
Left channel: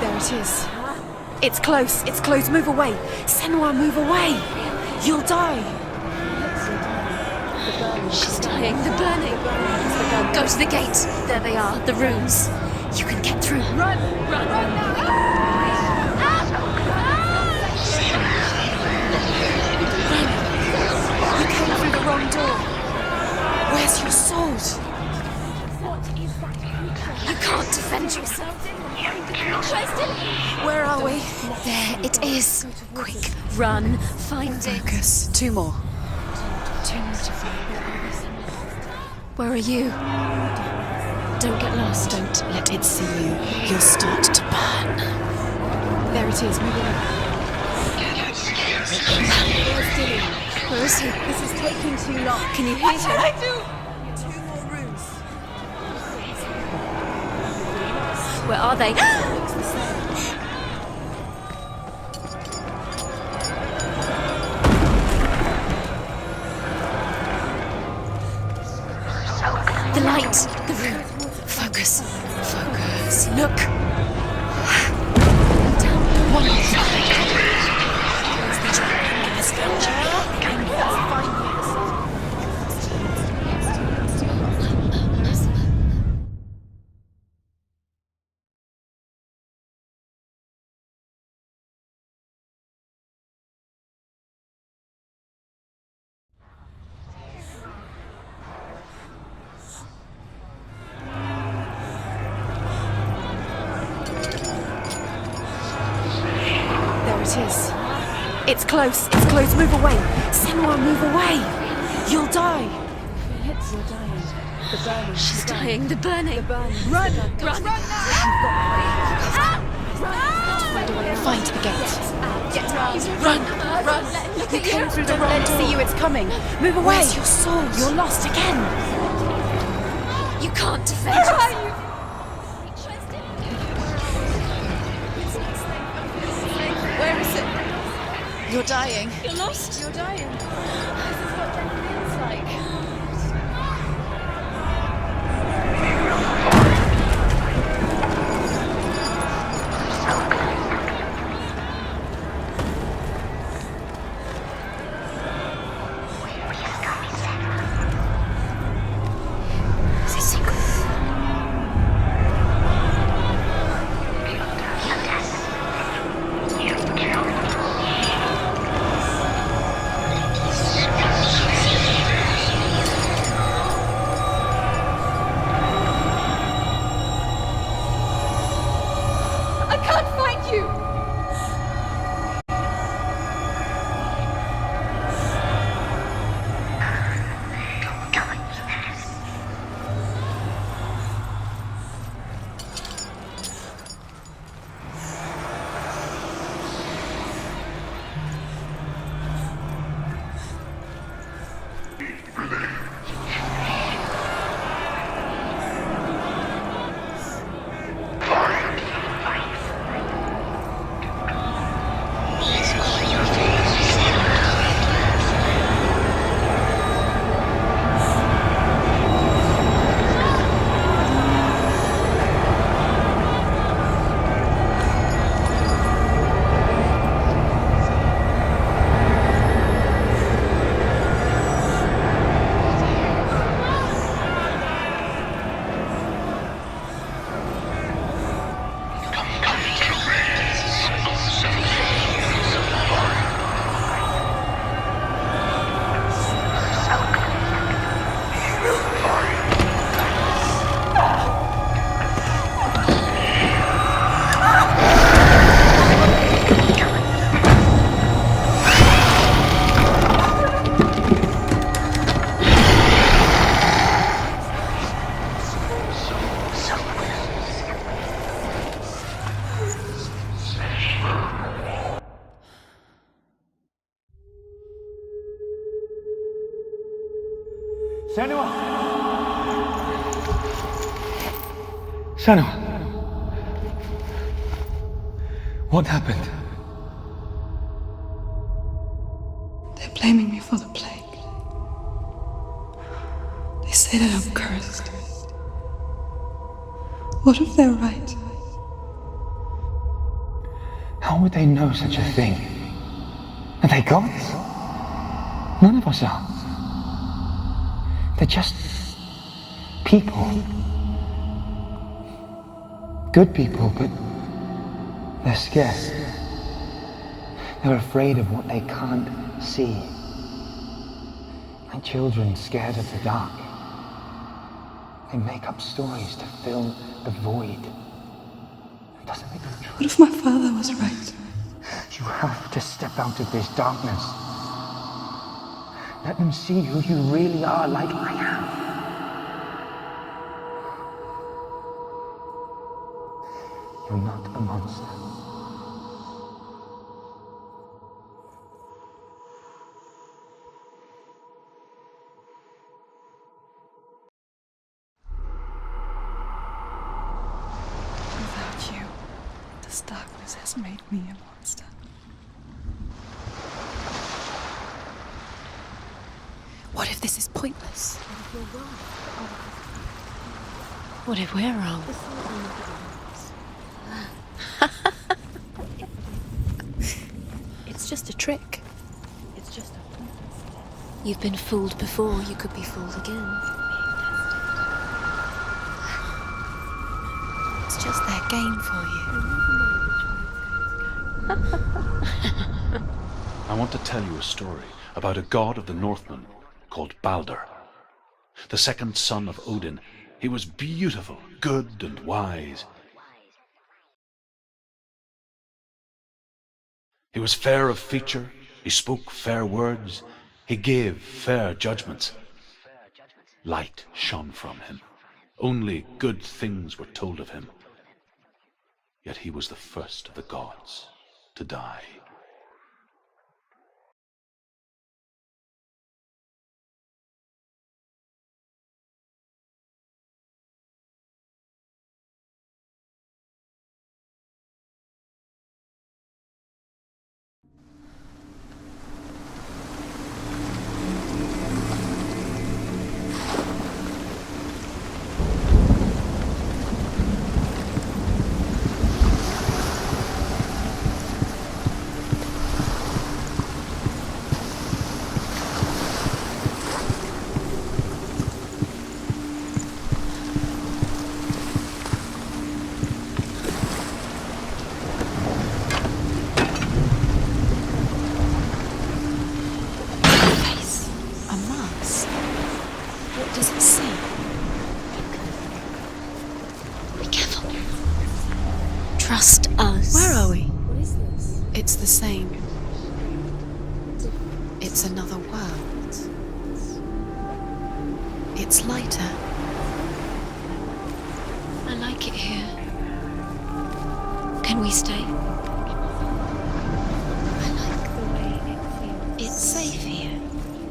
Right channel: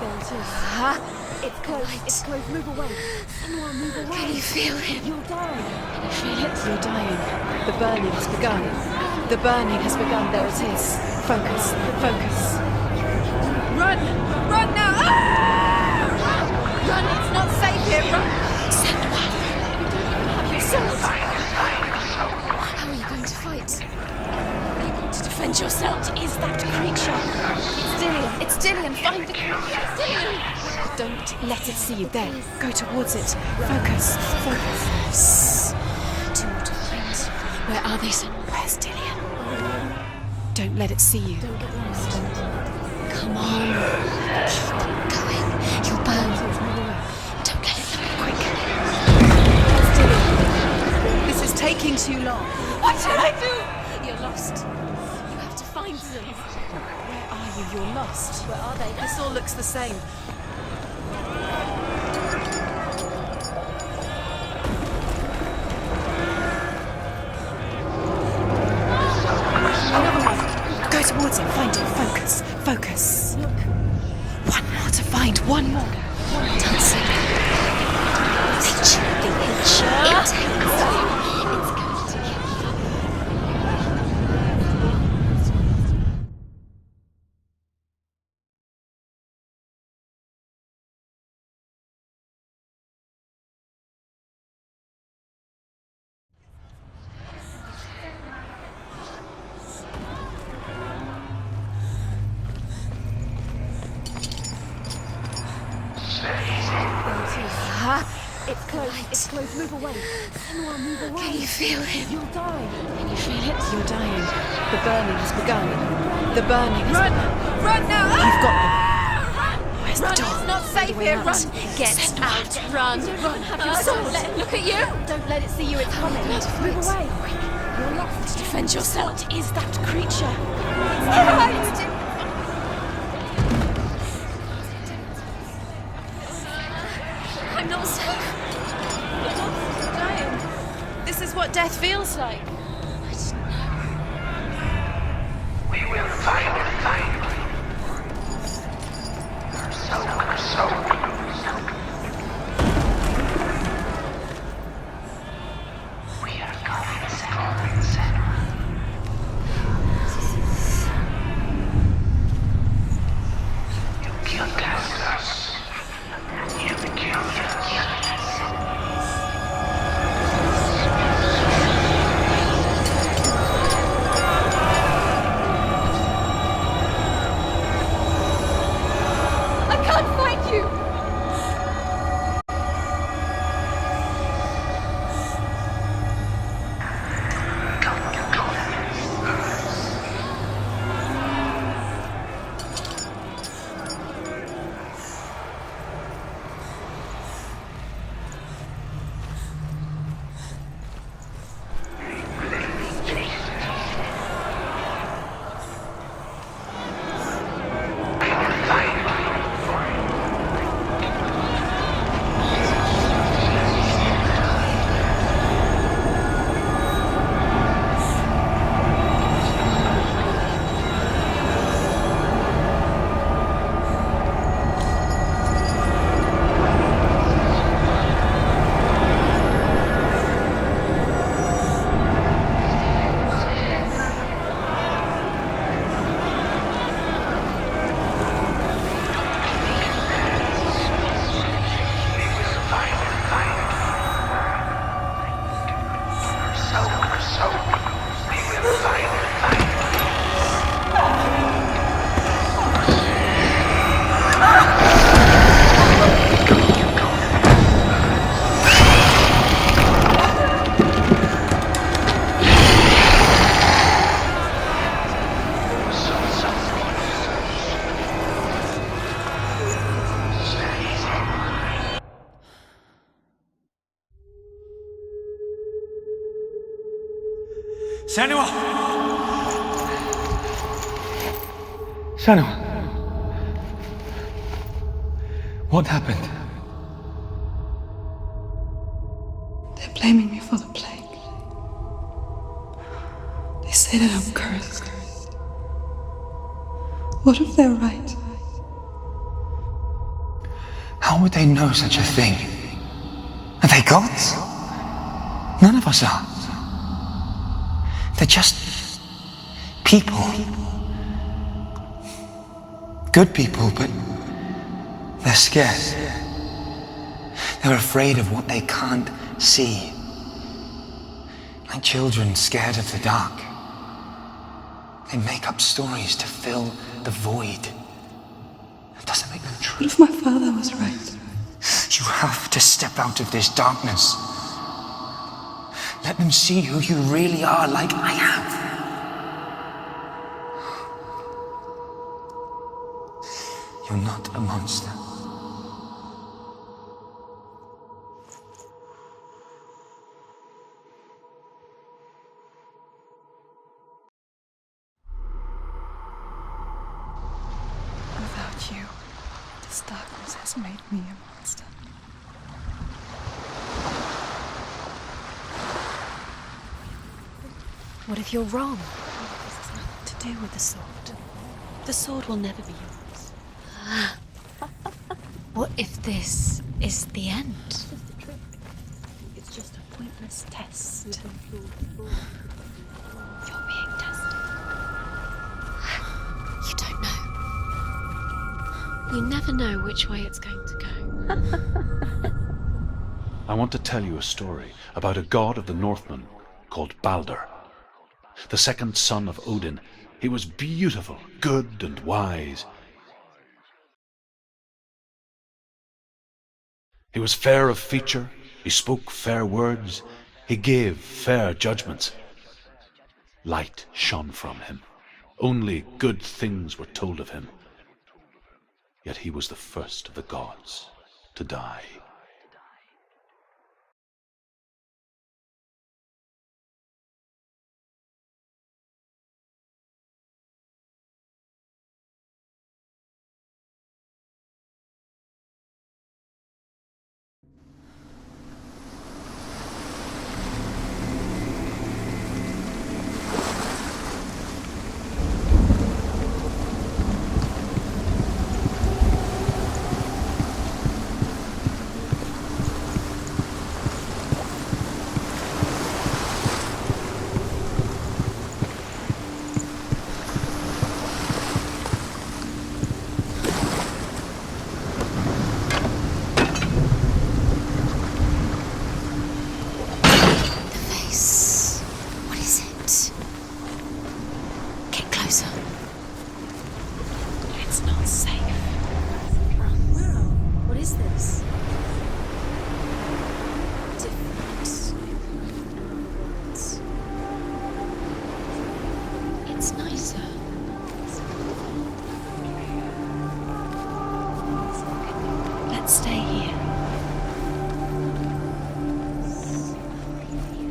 There it is. Huh? It's close. It's close. Move away. Senua, move away. I feel it. You'll die. Feel it. You're dying. The burning has begun. dying. The burning. The burning has begun. Go to the gate. There they are. The rooms. You can get through. Run! Run now! Let's not save him! You came through the wrong door. Where's your sword? To defend yourself. What is that creature? I can't defend you. It's Dillian. Find the creature. It's Dillian. Where are we? Don't let it see you. It is. Go towards it. Run. Focus. Find Focus. Two more. Two more to find. Where are they? Where's Dillian? Where are you? Don't let it see you. Don't get lost. Don't let it see you. You'll start to burn. You'll burn. There it is. Move along. Don't let it get Where's Dillian? Where is he? This is taking too long. Can you hear him? I do? You're lost. Rooms. You have to find rooms. We're lost. Where are they? It still looks the same. The light. Go towards it. Focus. Focus. Focus. Look. One how to find one more. One There it is. It's close. It's close. Move away. Senua, move away. feel it. You'll die. Can you feel it? You're dying. The burning has begun. Dying. The burning. The burning. Run. Run. Run now. You've got me. Where's the door? Not Find a way him. around to the gate. Get out. Run. Run. Look at you. Don't let it see you. It's coming. Move away. Where's your sword? You're lost again. Defend yourself. What is that creature? You can't defend Where are yourself. you? Where is it? I'm lost. You're dying. You're lost. You're dying. This is what death feels like. C'est secret. I can't find you. Senua! Senua! What happened? They're blaming me for the plague. They say that I'm cursed. What if they're right? How would they know such a thing? Are they gods? None of us are. They're just people. Good people, but they're scared. They're afraid of what they can't see. Like children scared of the dark. They make up stories to fill the void. That doesn't make them true. What if my father was right? You have to step out of this darkness. Let them see who you really are, like I have. You're not a monster. Without you, this darkness has made me a monster. What if this is pointless? What if you're wrong? What if this has nothing to do with the sword? What if we're wrong? The sword will never be yours. What if this is the end? It's just a trick. It's just a pointless test. You've been fooled before, you could be fooled again. You're being tested. You don't know. It's just their game for you. You never know which way it's going to go. I want to tell you a story about a god of the Northmen called Balder. The second son of Odin. He was beautiful, good and wise. He was fair of feature, he spoke fair words, he gave fair judgments. Light shone from him. Only good things were told of him. Yet he was the first of the gods to die. Trust us. Where are we? What is this? It's the same. It's another world. It's lighter. It's nicer. I like it here. Can we stay? Let's stay here. I like it. It's safe here.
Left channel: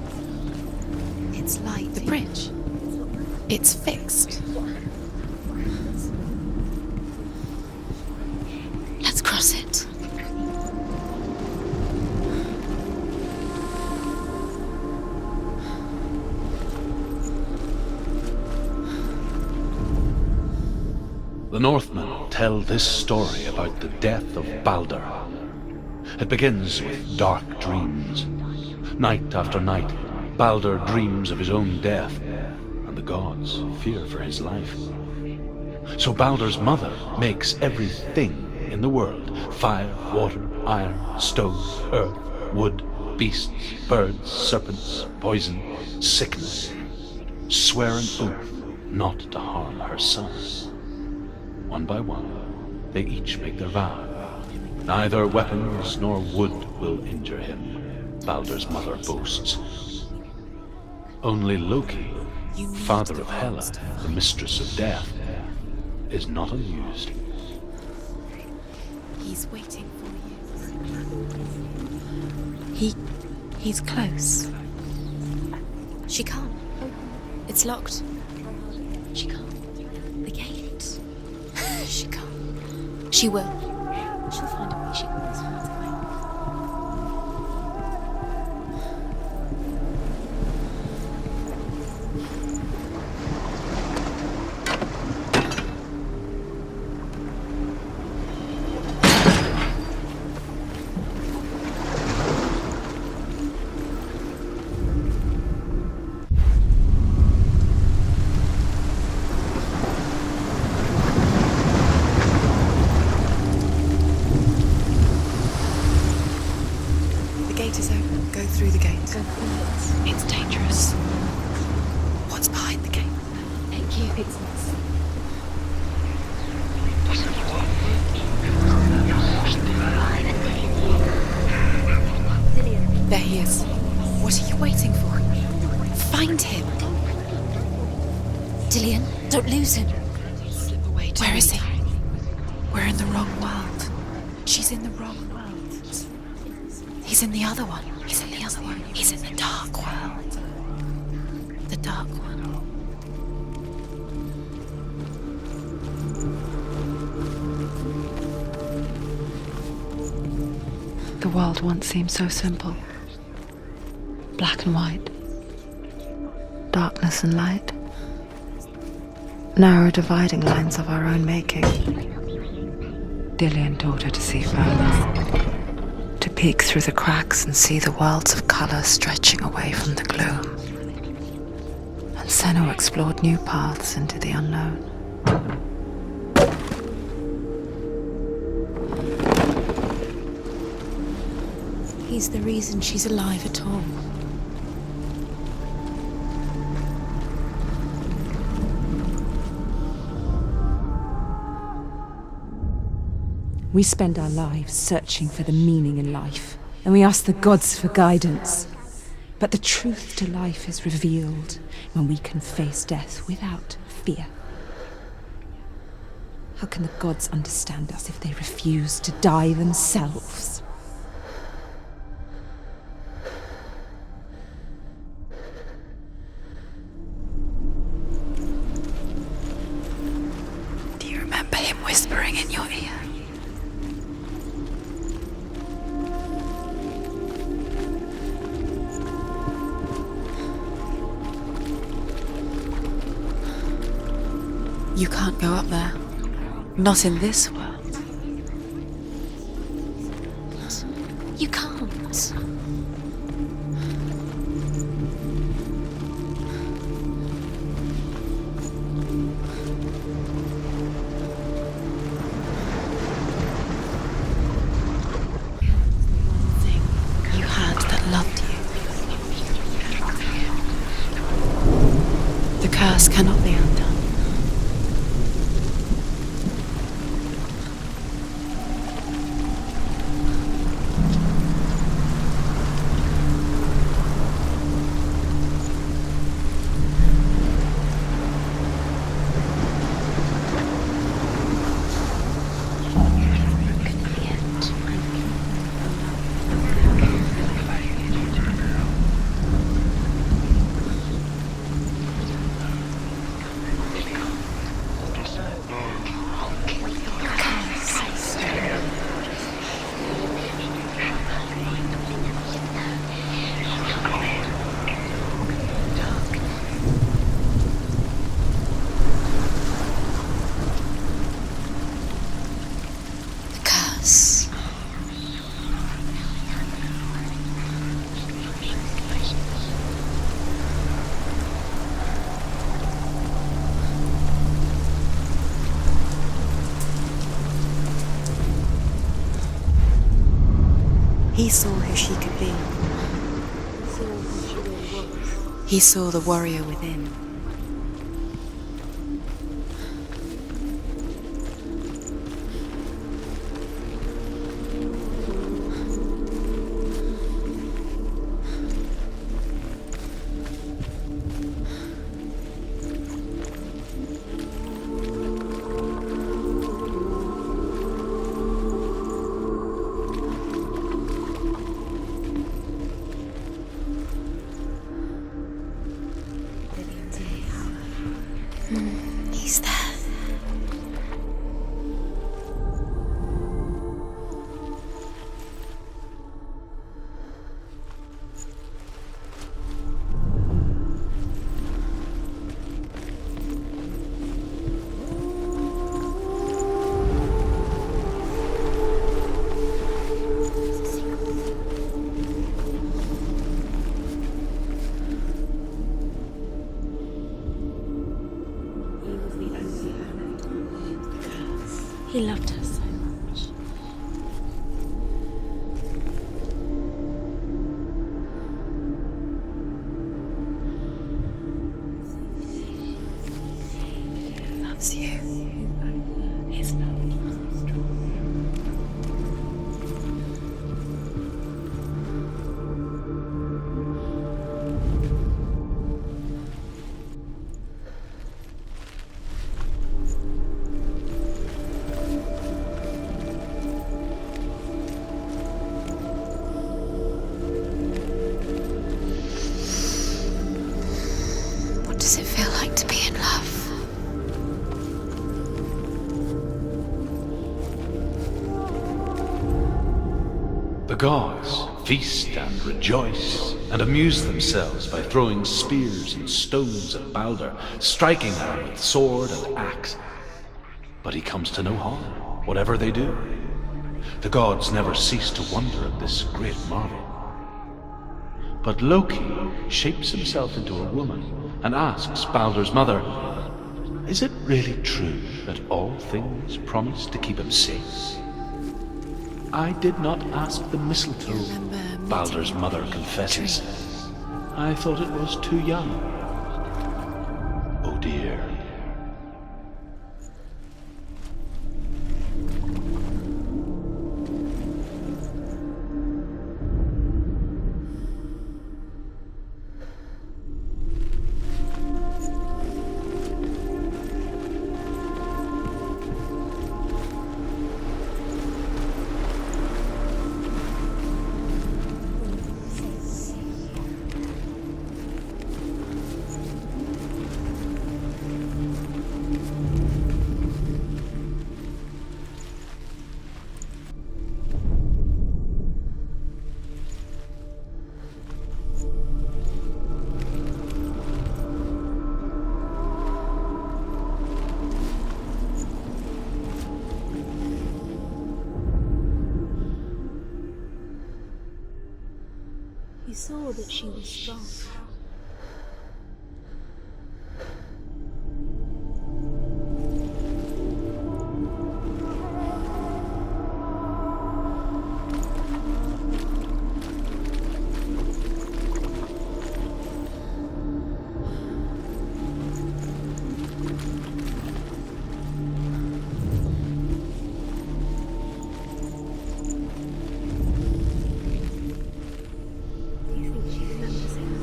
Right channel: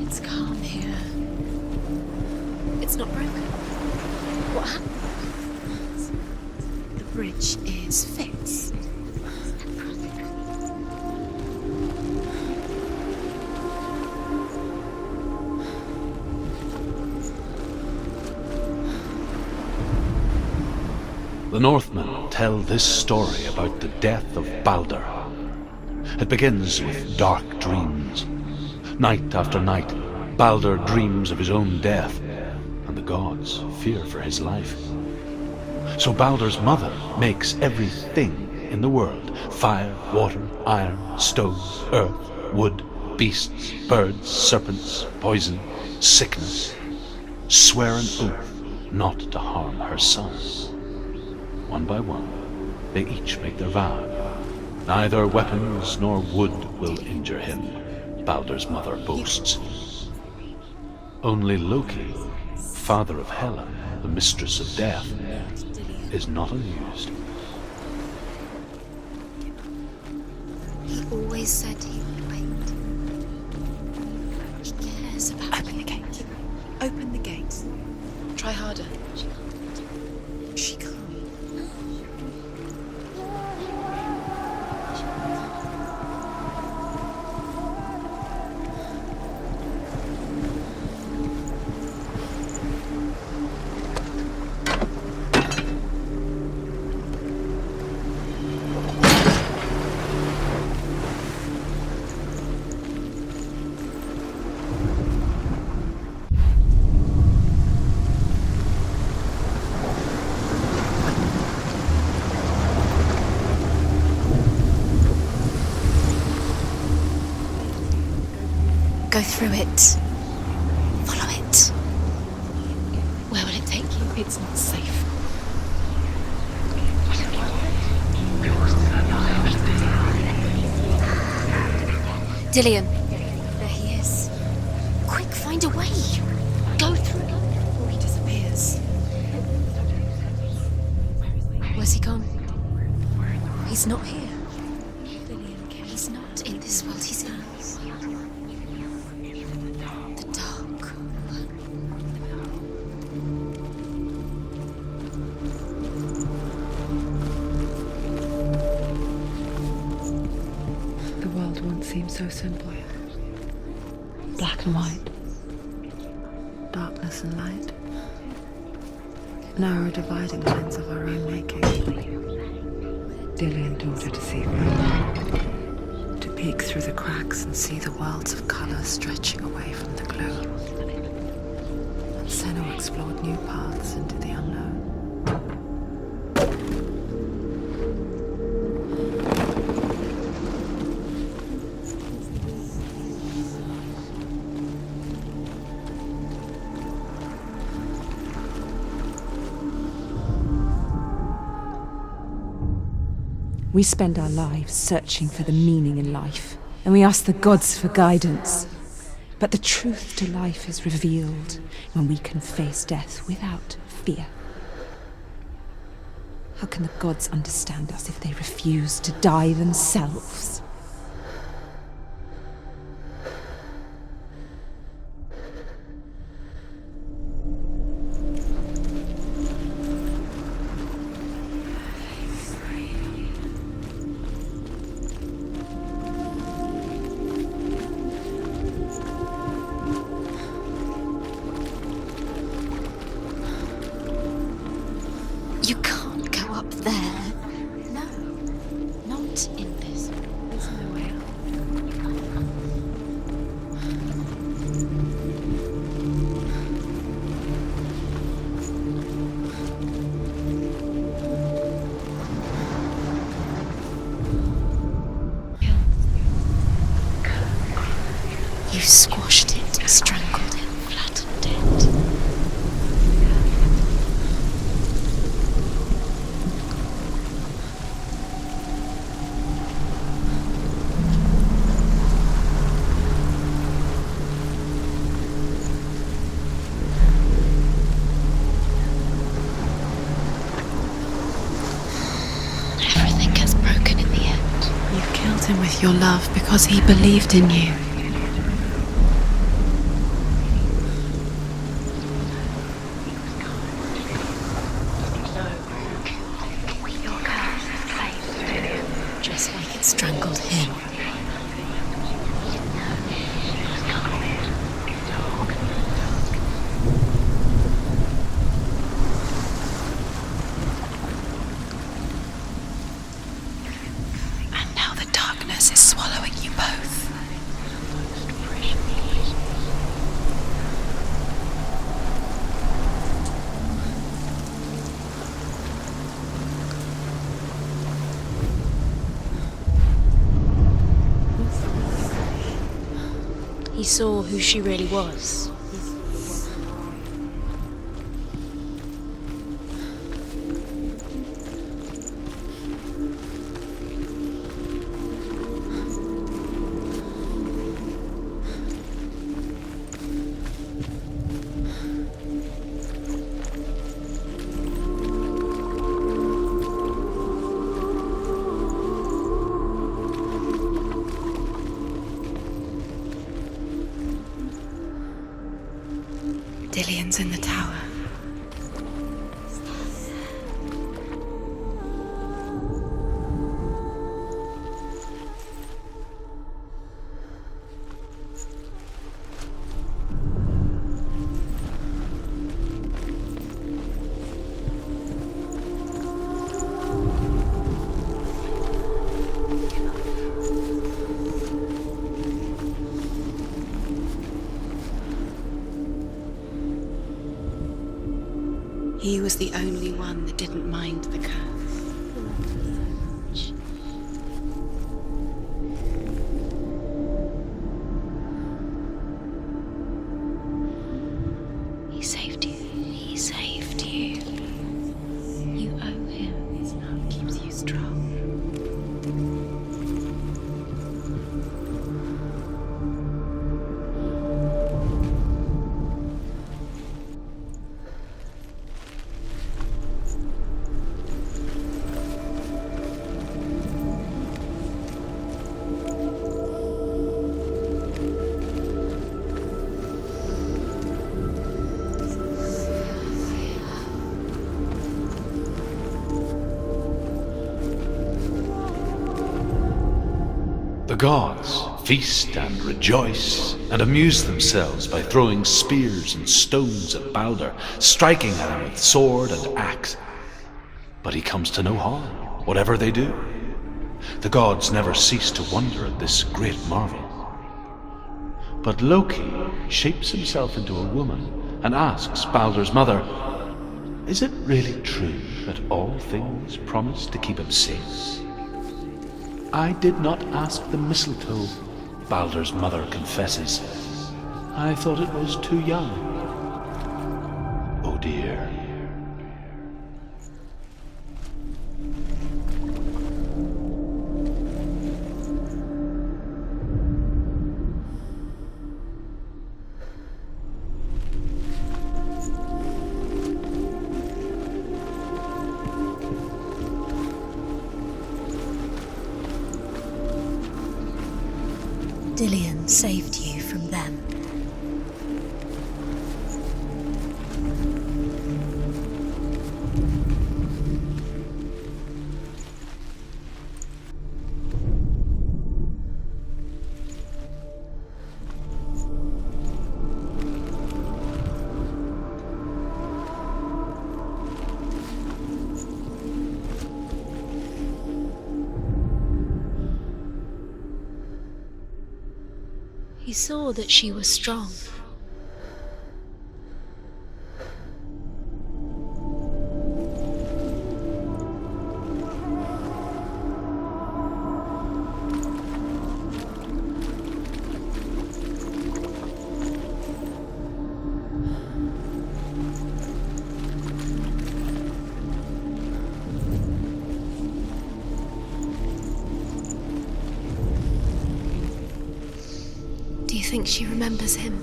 It's calm here. It's light. The bridge. It's not broken. It's fixed. What happened? The bridge is fixed. Let's cross it. The Northmen tell this story about the death of Balder. It begins with dark dreams. Night after night, Balder dreams of his own death, and the gods fear for his life. So Balder's mother makes everything in the world: fire, water, iron, stone, earth, wood, beasts, birds, serpents, poison, sickness. Swear an oath not to harm her son. One by one, they each make their vow. Neither weapons nor wood will injure him, Balder's mother boasts. Only Loki, father of Hela, the mistress of death, is not amused. He's waiting for you. He always said he's close. Yes. Open the gate. She can't. Open the gate. It's locked. Try harder. She can't. The gate. She can't. She can't. She will. She will. It's not safe. Dillion, there he is. What are you waiting for? Quick, find a way. Find him. Go through. Before he disappears. Dillion, don't lose him. Where is he? Where's he gone? We're in the wrong world. He's not here. She's in the wrong world. He's not in this world. He's in the other one. He's in the other one. He's in the dark world. The dark. The dark world. The world once seemed so simple. Black and white. Darkness and light. Narrow dividing lines of our own making. Dillion taught her to see further. To peek through the cracks and see the worlds of colour stretching away from the gloom. And Senna explored new paths into the unknown. He's the reason she's alive at all. We spend our lives searching for the meaning in life, and we ask the gods for guidance. But the truth to life is revealed when we can face death without fear. How can the gods understand us if they refuse to die themselves? Do you remember him whispering in your ear? You can't go up there. You can't go up there. Not in this world. No. Not in this world. You can't. You had that loved you. You squashed it, strangled it, flattened it. The curse cannot be undone. Everything gets broken in the end. You killed him with your love because he believed in you. Just like it strangled him. The curse. And now the darkness is swallowing you both. He saw who she could be. He saw who she really was. He saw the warrior within. Dillion's in the tower. He's there. He was the only one that didn't mind the curse. He loved her so much. He saved you. He saved you. The gods feast and rejoice and amuse themselves by throwing spears and stones at Balder, striking at him with sword and axe. But he comes to no harm, whatever they do. The gods never cease to wonder at this great marvel. But Loki shapes himself into a woman and asks Balder's mother, "Is it really true that all things promise to keep him safe?" "I did not ask the mistletoe," Balder's mother confesses. "I thought it was too young." Oh dear. Dillion saved you from them. He saw that she was strong. Do you think she remembers him?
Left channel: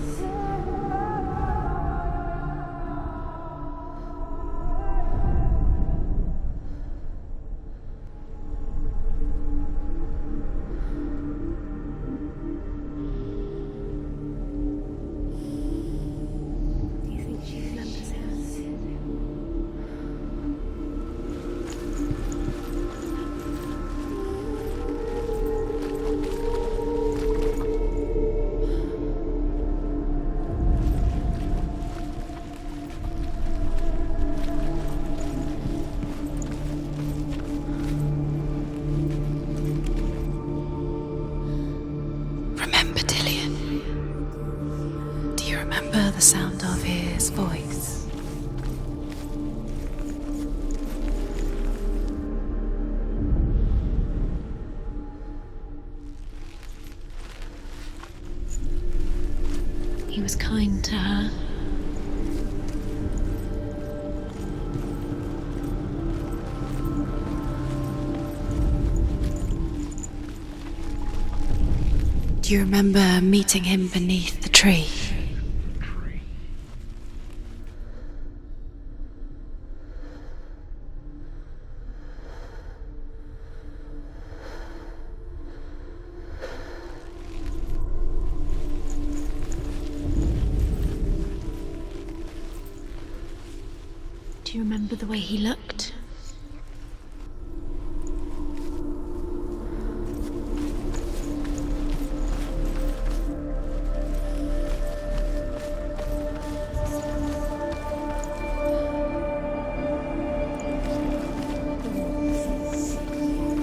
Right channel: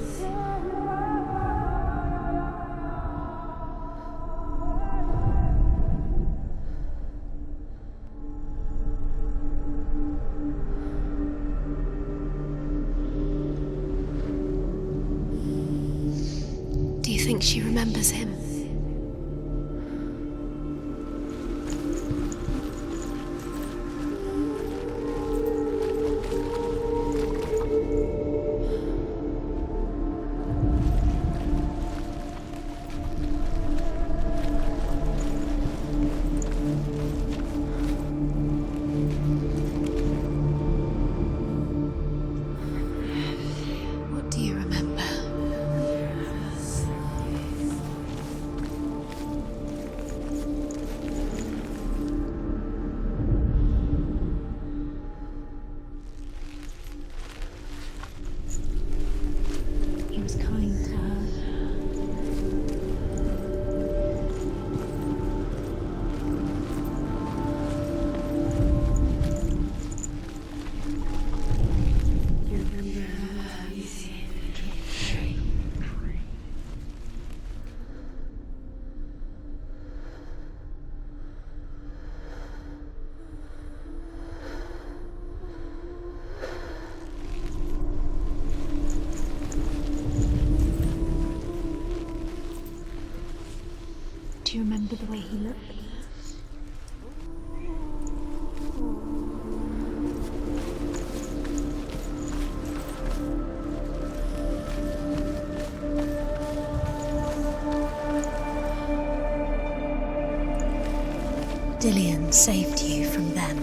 Do you think she remembers him? Remember Dillion? What do you remember? Do you remember the sound of his voice? He was kind to her. Do you remember meeting him beneath the tree? Do you remember the way he looked? Dillion saved you from them.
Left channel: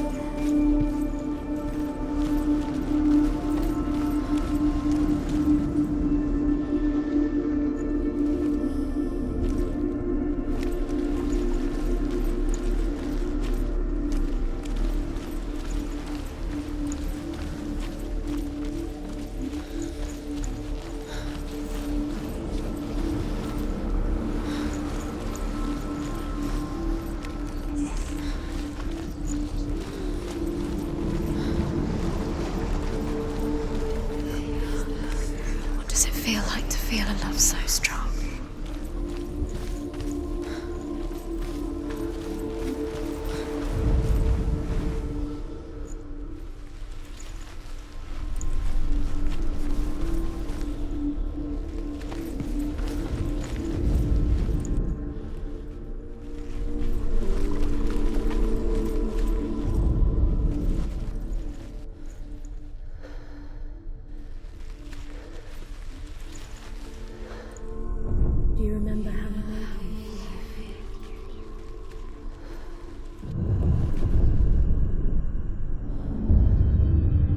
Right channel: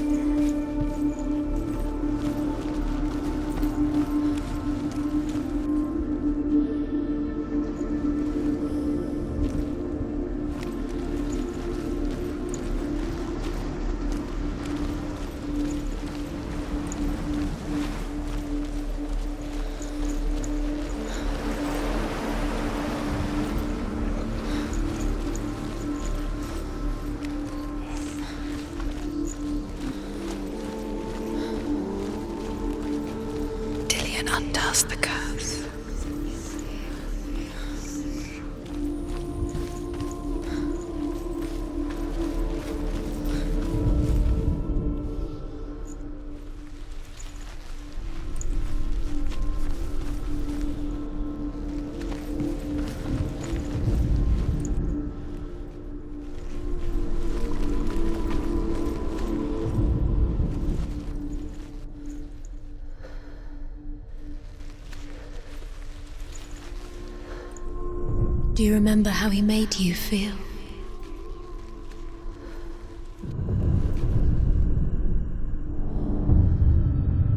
you remember how he made you feel?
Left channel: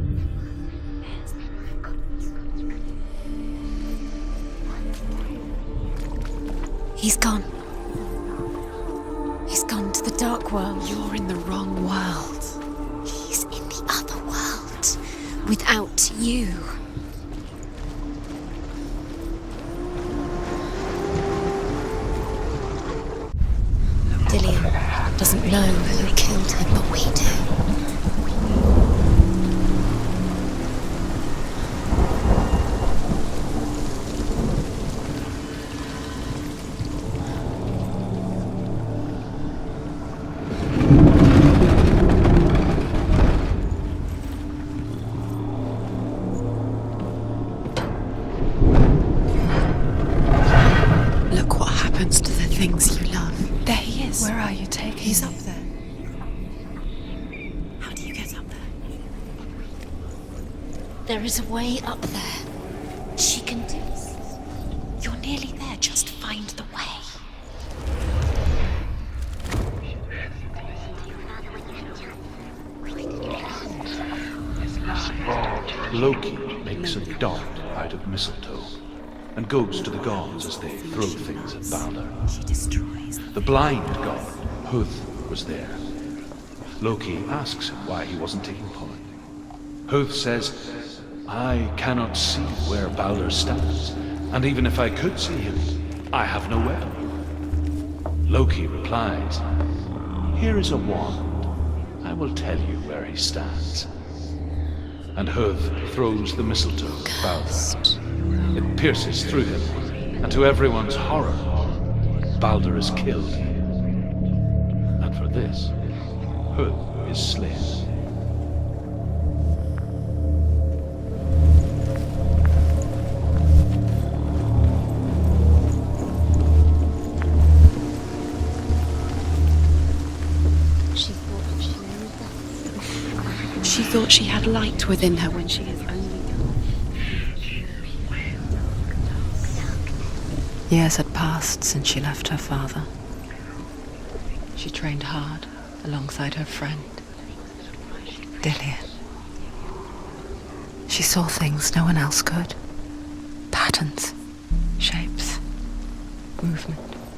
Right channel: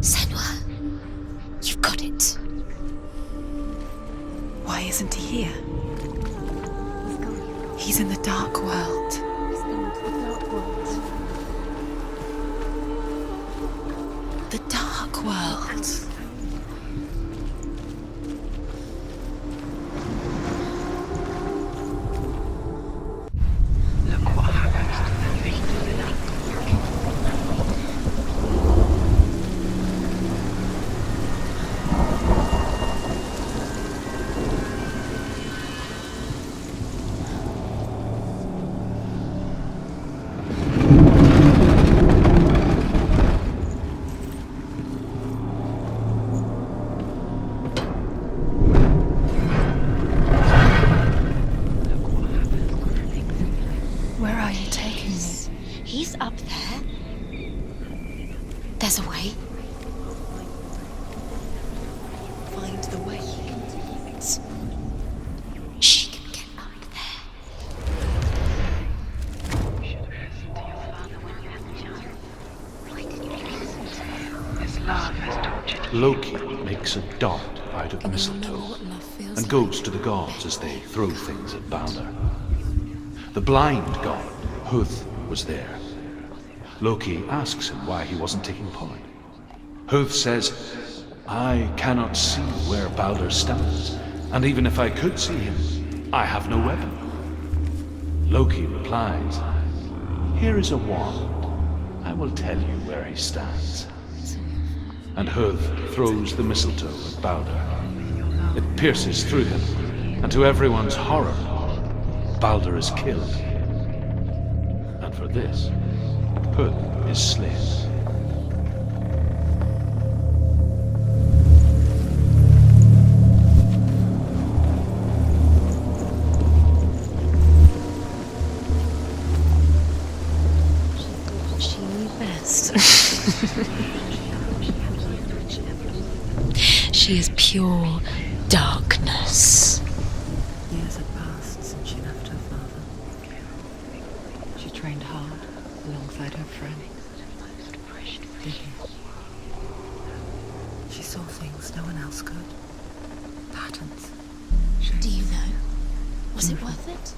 Senua, you've got it. Why isn't he here? He's gone. He's in the dark world. He's gone to the dark world. You're in the wrong world. He's in the other world. The dark world. Without you. Dillian doesn't know who killed him, but we do. Look what happens to the things you love. There he is. Where are you taking me? He's up there. How do you get up there? There's a way. There is a way up there. Find the way. She can do it. You're nearly there. She Just find the way. Loki makes a dart out of mistletoe and goes to the gods as they throw things at Balder. The blind god, Huth, was there. Loki asks him why he wasn't taking part. Huth says, I cannot see where Balder stands, and even if I could see him, I have no weapon. Loki replies, here is a wand. I will tell you where he stands. And Huth throws the mistletoe at Balder. It pierces through him, and to everyone's horror, Balder is killed. And for this, Huth is slain. She thought she knew best. She thought she had light within her when she was only. She is pure darkness. Years had passed since she left her father. She trained hard alongside her friend, Dillian. She saw things no one else could. Patterns, shapes, Was it worth it?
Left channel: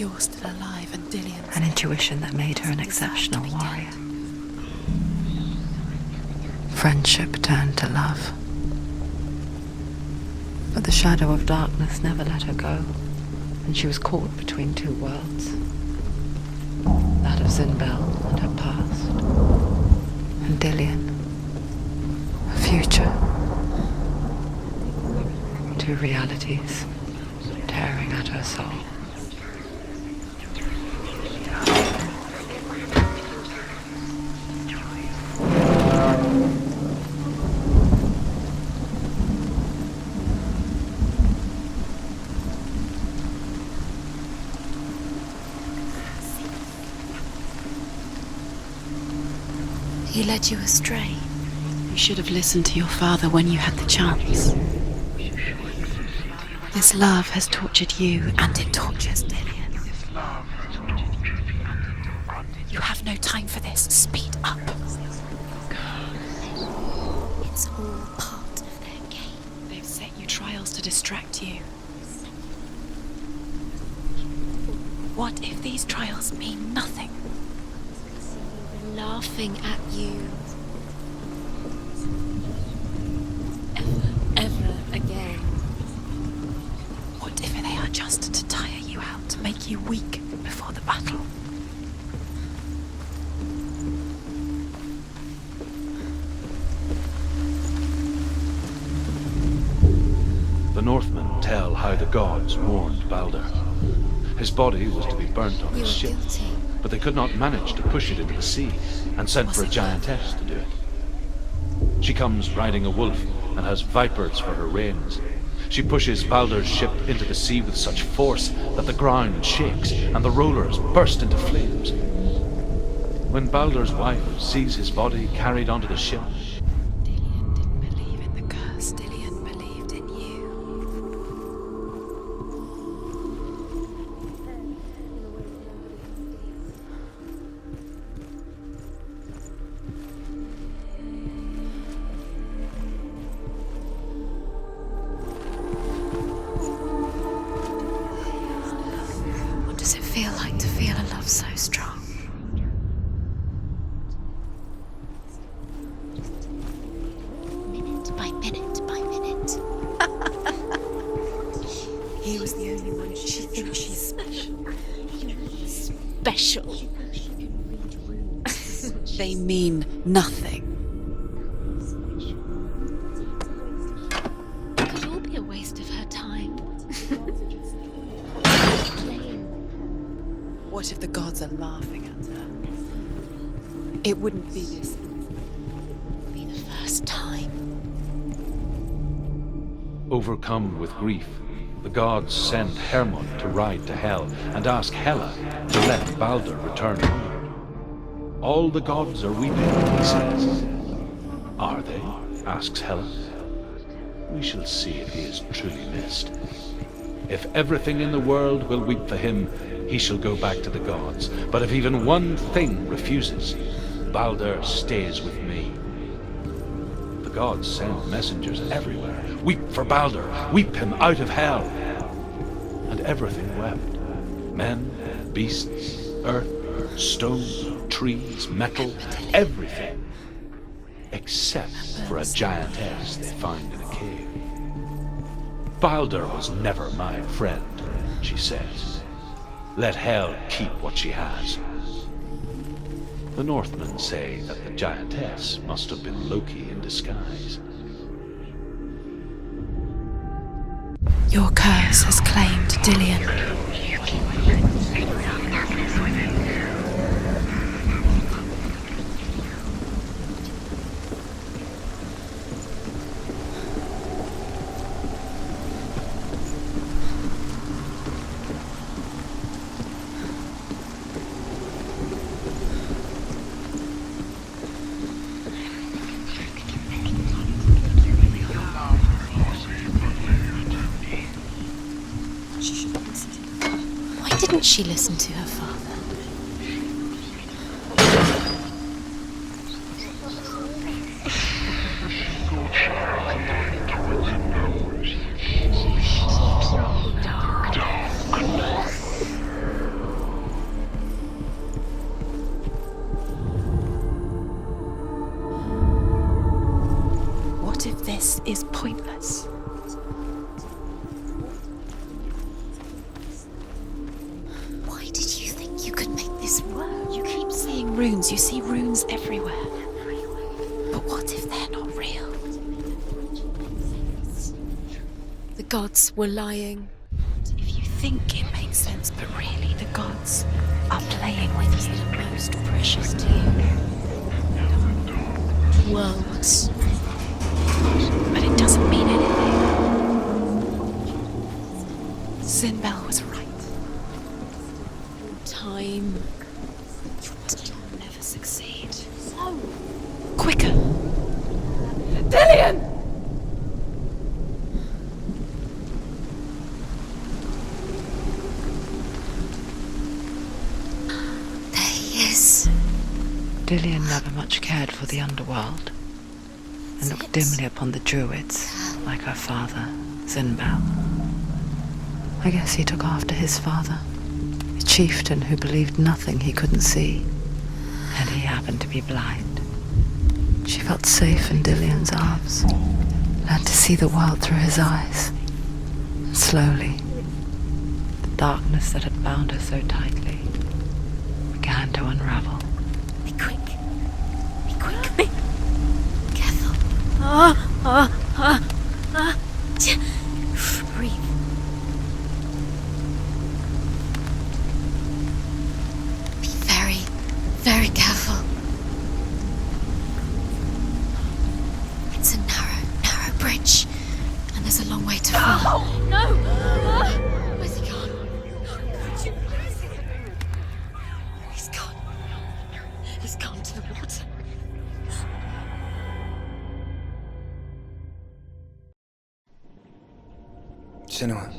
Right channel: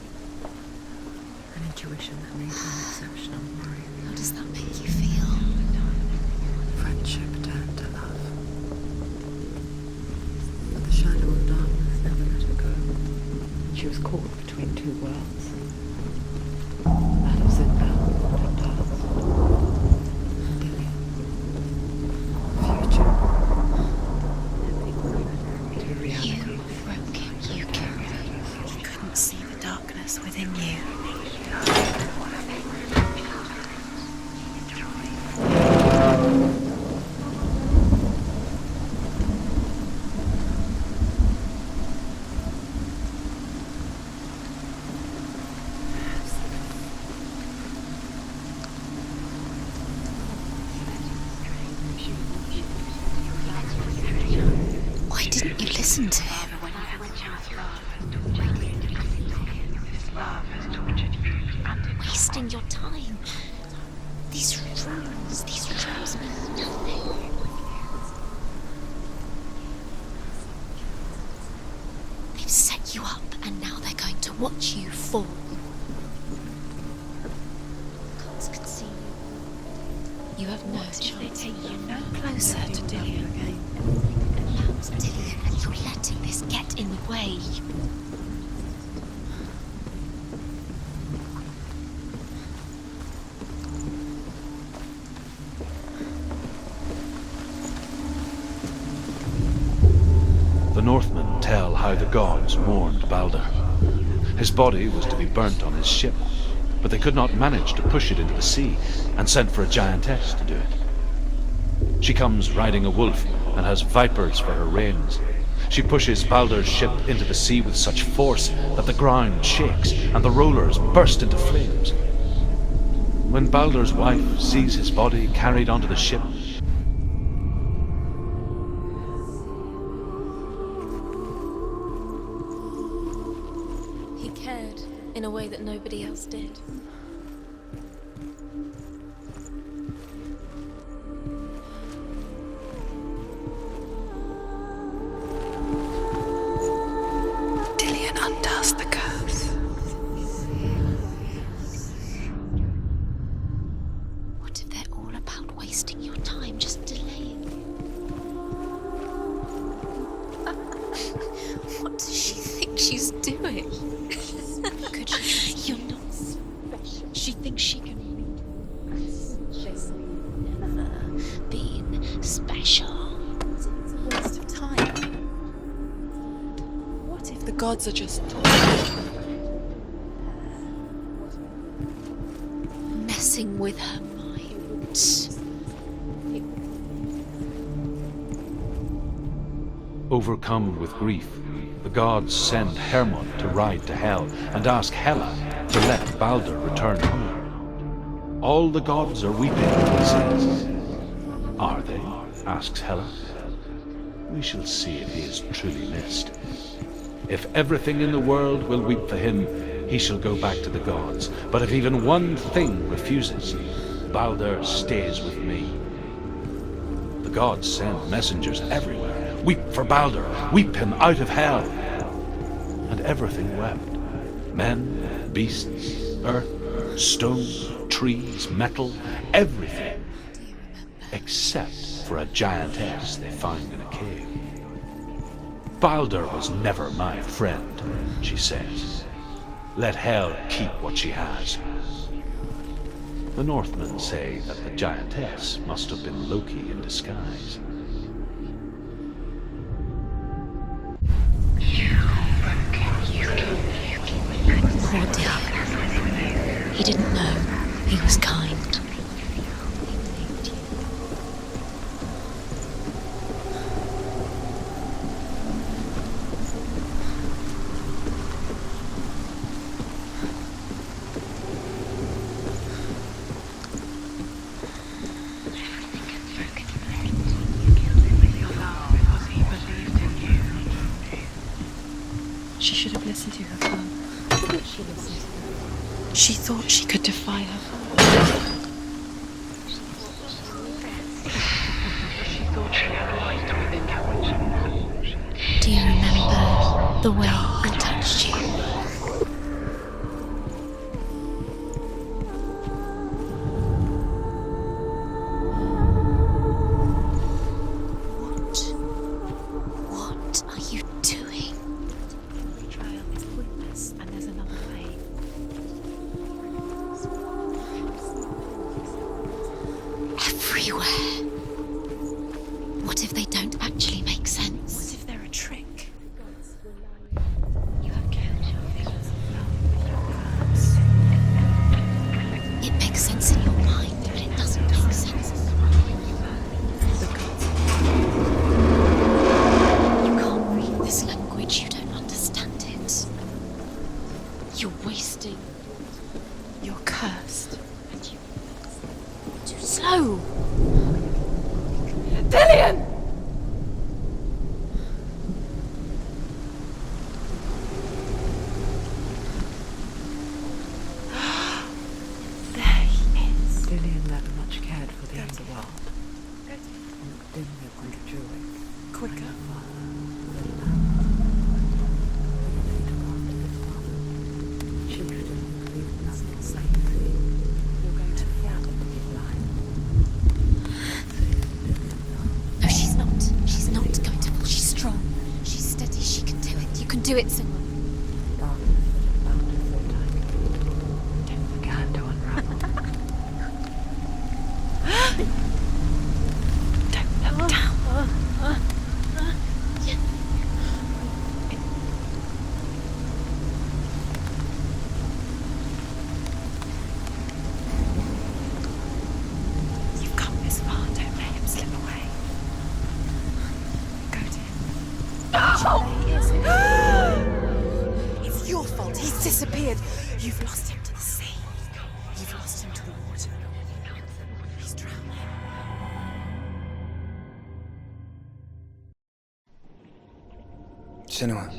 You're still alive and Dillian's an intuition that made her an exceptional warrior. How does that make you feel? Friendship turned to love. But the shadow of darkness never let her go, and she was caught between two worlds. That of Zynbel and her past, and Dillian, her future. Two realities tearing at her soul. You couldn't see the darkness within you. He led you astray. You should have listened to your father when you had the chance. Why didn't you listen to him? This love has tortured you, and it tortures Dillian. Wasting your You have no time for this. Speed up. These trials. It's all part of their game. They've set you trials to distract you. They've set you up, and now they're going to watch you fall. What if these trials mean nothing? Laughing at you. You have no choice. No closer to Dillian. Ever again. You're letting this get in the way. What if they are just to tire you out, to make you weak before the battle? The Northmen tell how the gods mourned Balder. His body was to be burnt on his ship, but they could not manage to push it into the sea, and sent for a giantess to do it. She comes riding a wolf and has vipers for her reins. She pushes Balder's ship into the sea with such force that the ground shakes and the rollers burst into flames. When Balder's wife sees his body carried onto the ship, Dillian didn't believe in the curse. Dillian believed in you. in a way that nobody else did. Dillion undoes the curse. What does it feel like to feel a love so strong? What if they're all about wasting your time, just delaying minute by minute by minute? What does she think she's doing? You're special. She thinks she can. They mean nothing. Being special. A waste of time. It will be a waste of her time. What if the gods are just... What if the gods are laughing at her? Messing with her. It wouldn't be this. Be the first time. Overcome with grief, the gods send Hermod to ride to Hell and ask Hela to let Balder return home. All the gods are weeping, he says. Are they? Asks Hela. We shall see if he is truly missed. If everything in the world will weep for him, he shall go back to the gods. But if even one thing refuses, Balder stays with me. The gods send messengers everywhere. Weep for Balder, weep him out of Hell. And everything wept. Men, beasts, earth, stone, trees, metal, everything. Except for a giantess they found in a cave. Balder was never my friend, she says. Let Hel keep what she has. The Northmen say that the giantess must have been Loki in disguise. Your curse has claimed Dillion. He didn't know. He was kind. She should have listened to her father. Why didn't she listen to her father? She thought she could defy her. Do you remember the way I touched you? What if this is pointless? What are you doing? Why did you think you could make this work? You keep seeing runes. You see runes everywhere. Everywhere. What if they're not real? What if they don't actually make sense? What if they're a trick? The gods were lying. If you think it makes sense, but really the gods are playing with us the most. It makes sense in your mind, but it doesn't make sense. Words. But it doesn't mean it. You can't read this language, you don't understand. Sinbel was right. You're wasting time. You're cursed. Never succeed. Slow! Quicker! Dillion! There he is. Dillion never much cared for the underworld, and looked dimly upon the druids, like her father, Sinbel. I guess he took after his father, a chieftain who believed nothing he couldn't see, and he happened to be blind. She felt safe in Dillion's arms, No, she's not. learned to see the world through his eyes. She's steady. She can. Slowly, You can do it. the darkness that had bound her so tightly began to unravel. Be quick. Be quick. Be careful. Breathe. Be very, very careful. You've come this far, don't let him slip away. It's a narrow bridge. And there's a long way to fall. No! Where's he gone? It's your fault. He's disappeared. You've lost him to the sea. He's gone. You've lost him to the... Just gone to the water. He's drowned. Senua.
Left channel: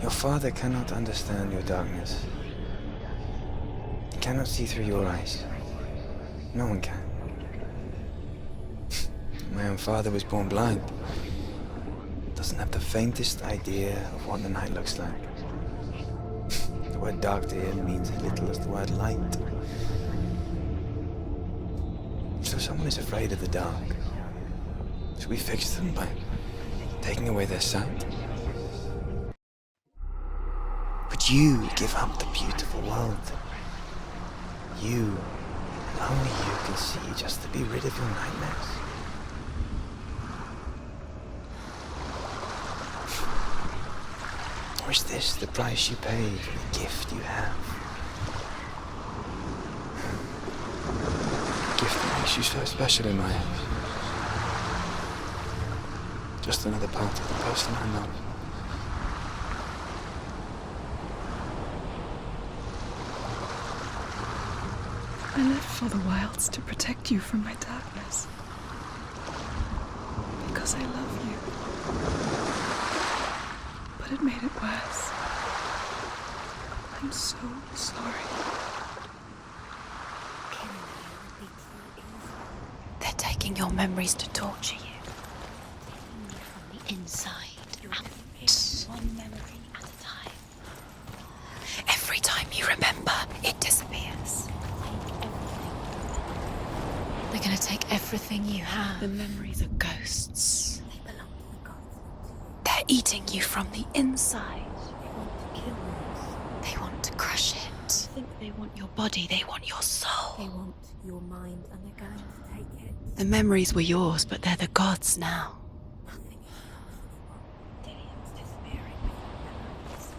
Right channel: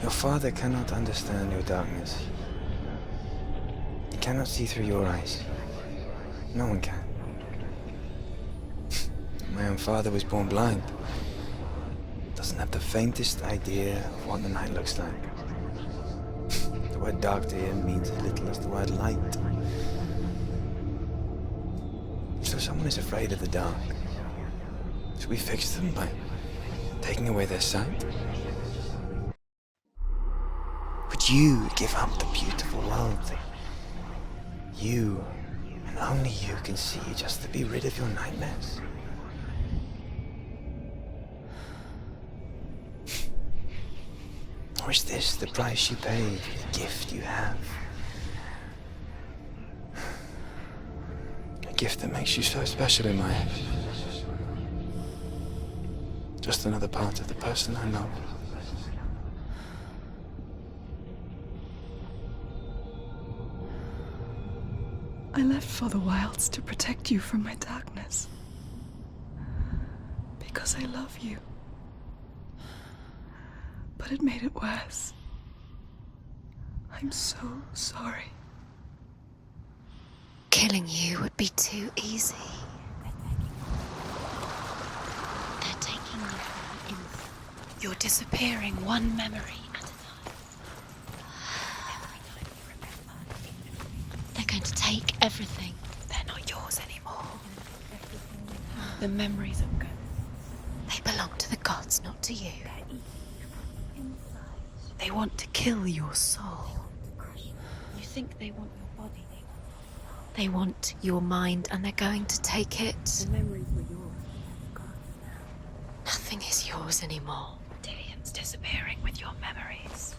Your father cannot understand your darkness. He cannot see through your eyes. No one can. My own father was born blind. Doesn't have the faintest idea of what the night looks like. The word dark to him means as little as the word light. So someone is afraid of the dark. Should we fix them by taking away their sight? Would you give up the beautiful world that you, and only you, can see just to be rid of your nightmares? Or is this the price you pay for the gift you have? A gift that makes you so special in my eyes. Just another part of the person I love. I left for the wilds to protect you from my darkness. Because I love you. But it made it worse. I'm so sorry. Killing you would be too easy. They're taking your memories to torture you. They're taking you from the inside. You're disappearing one memory at a time. Every time you remember, it disappears. They're going to take everything. They're not yours anymore. They're going to take everything you have. The memories are ghosts. They belong to the gods, not to you. They're eating you from the inside. They want to kill your soul. They want to crush it. You think they want your body, they want your soul. They want your mind, and they're going to take it. The memories were yours, but they're the gods now. Nothing is yours anymore. Dillian's disappearing with your memories.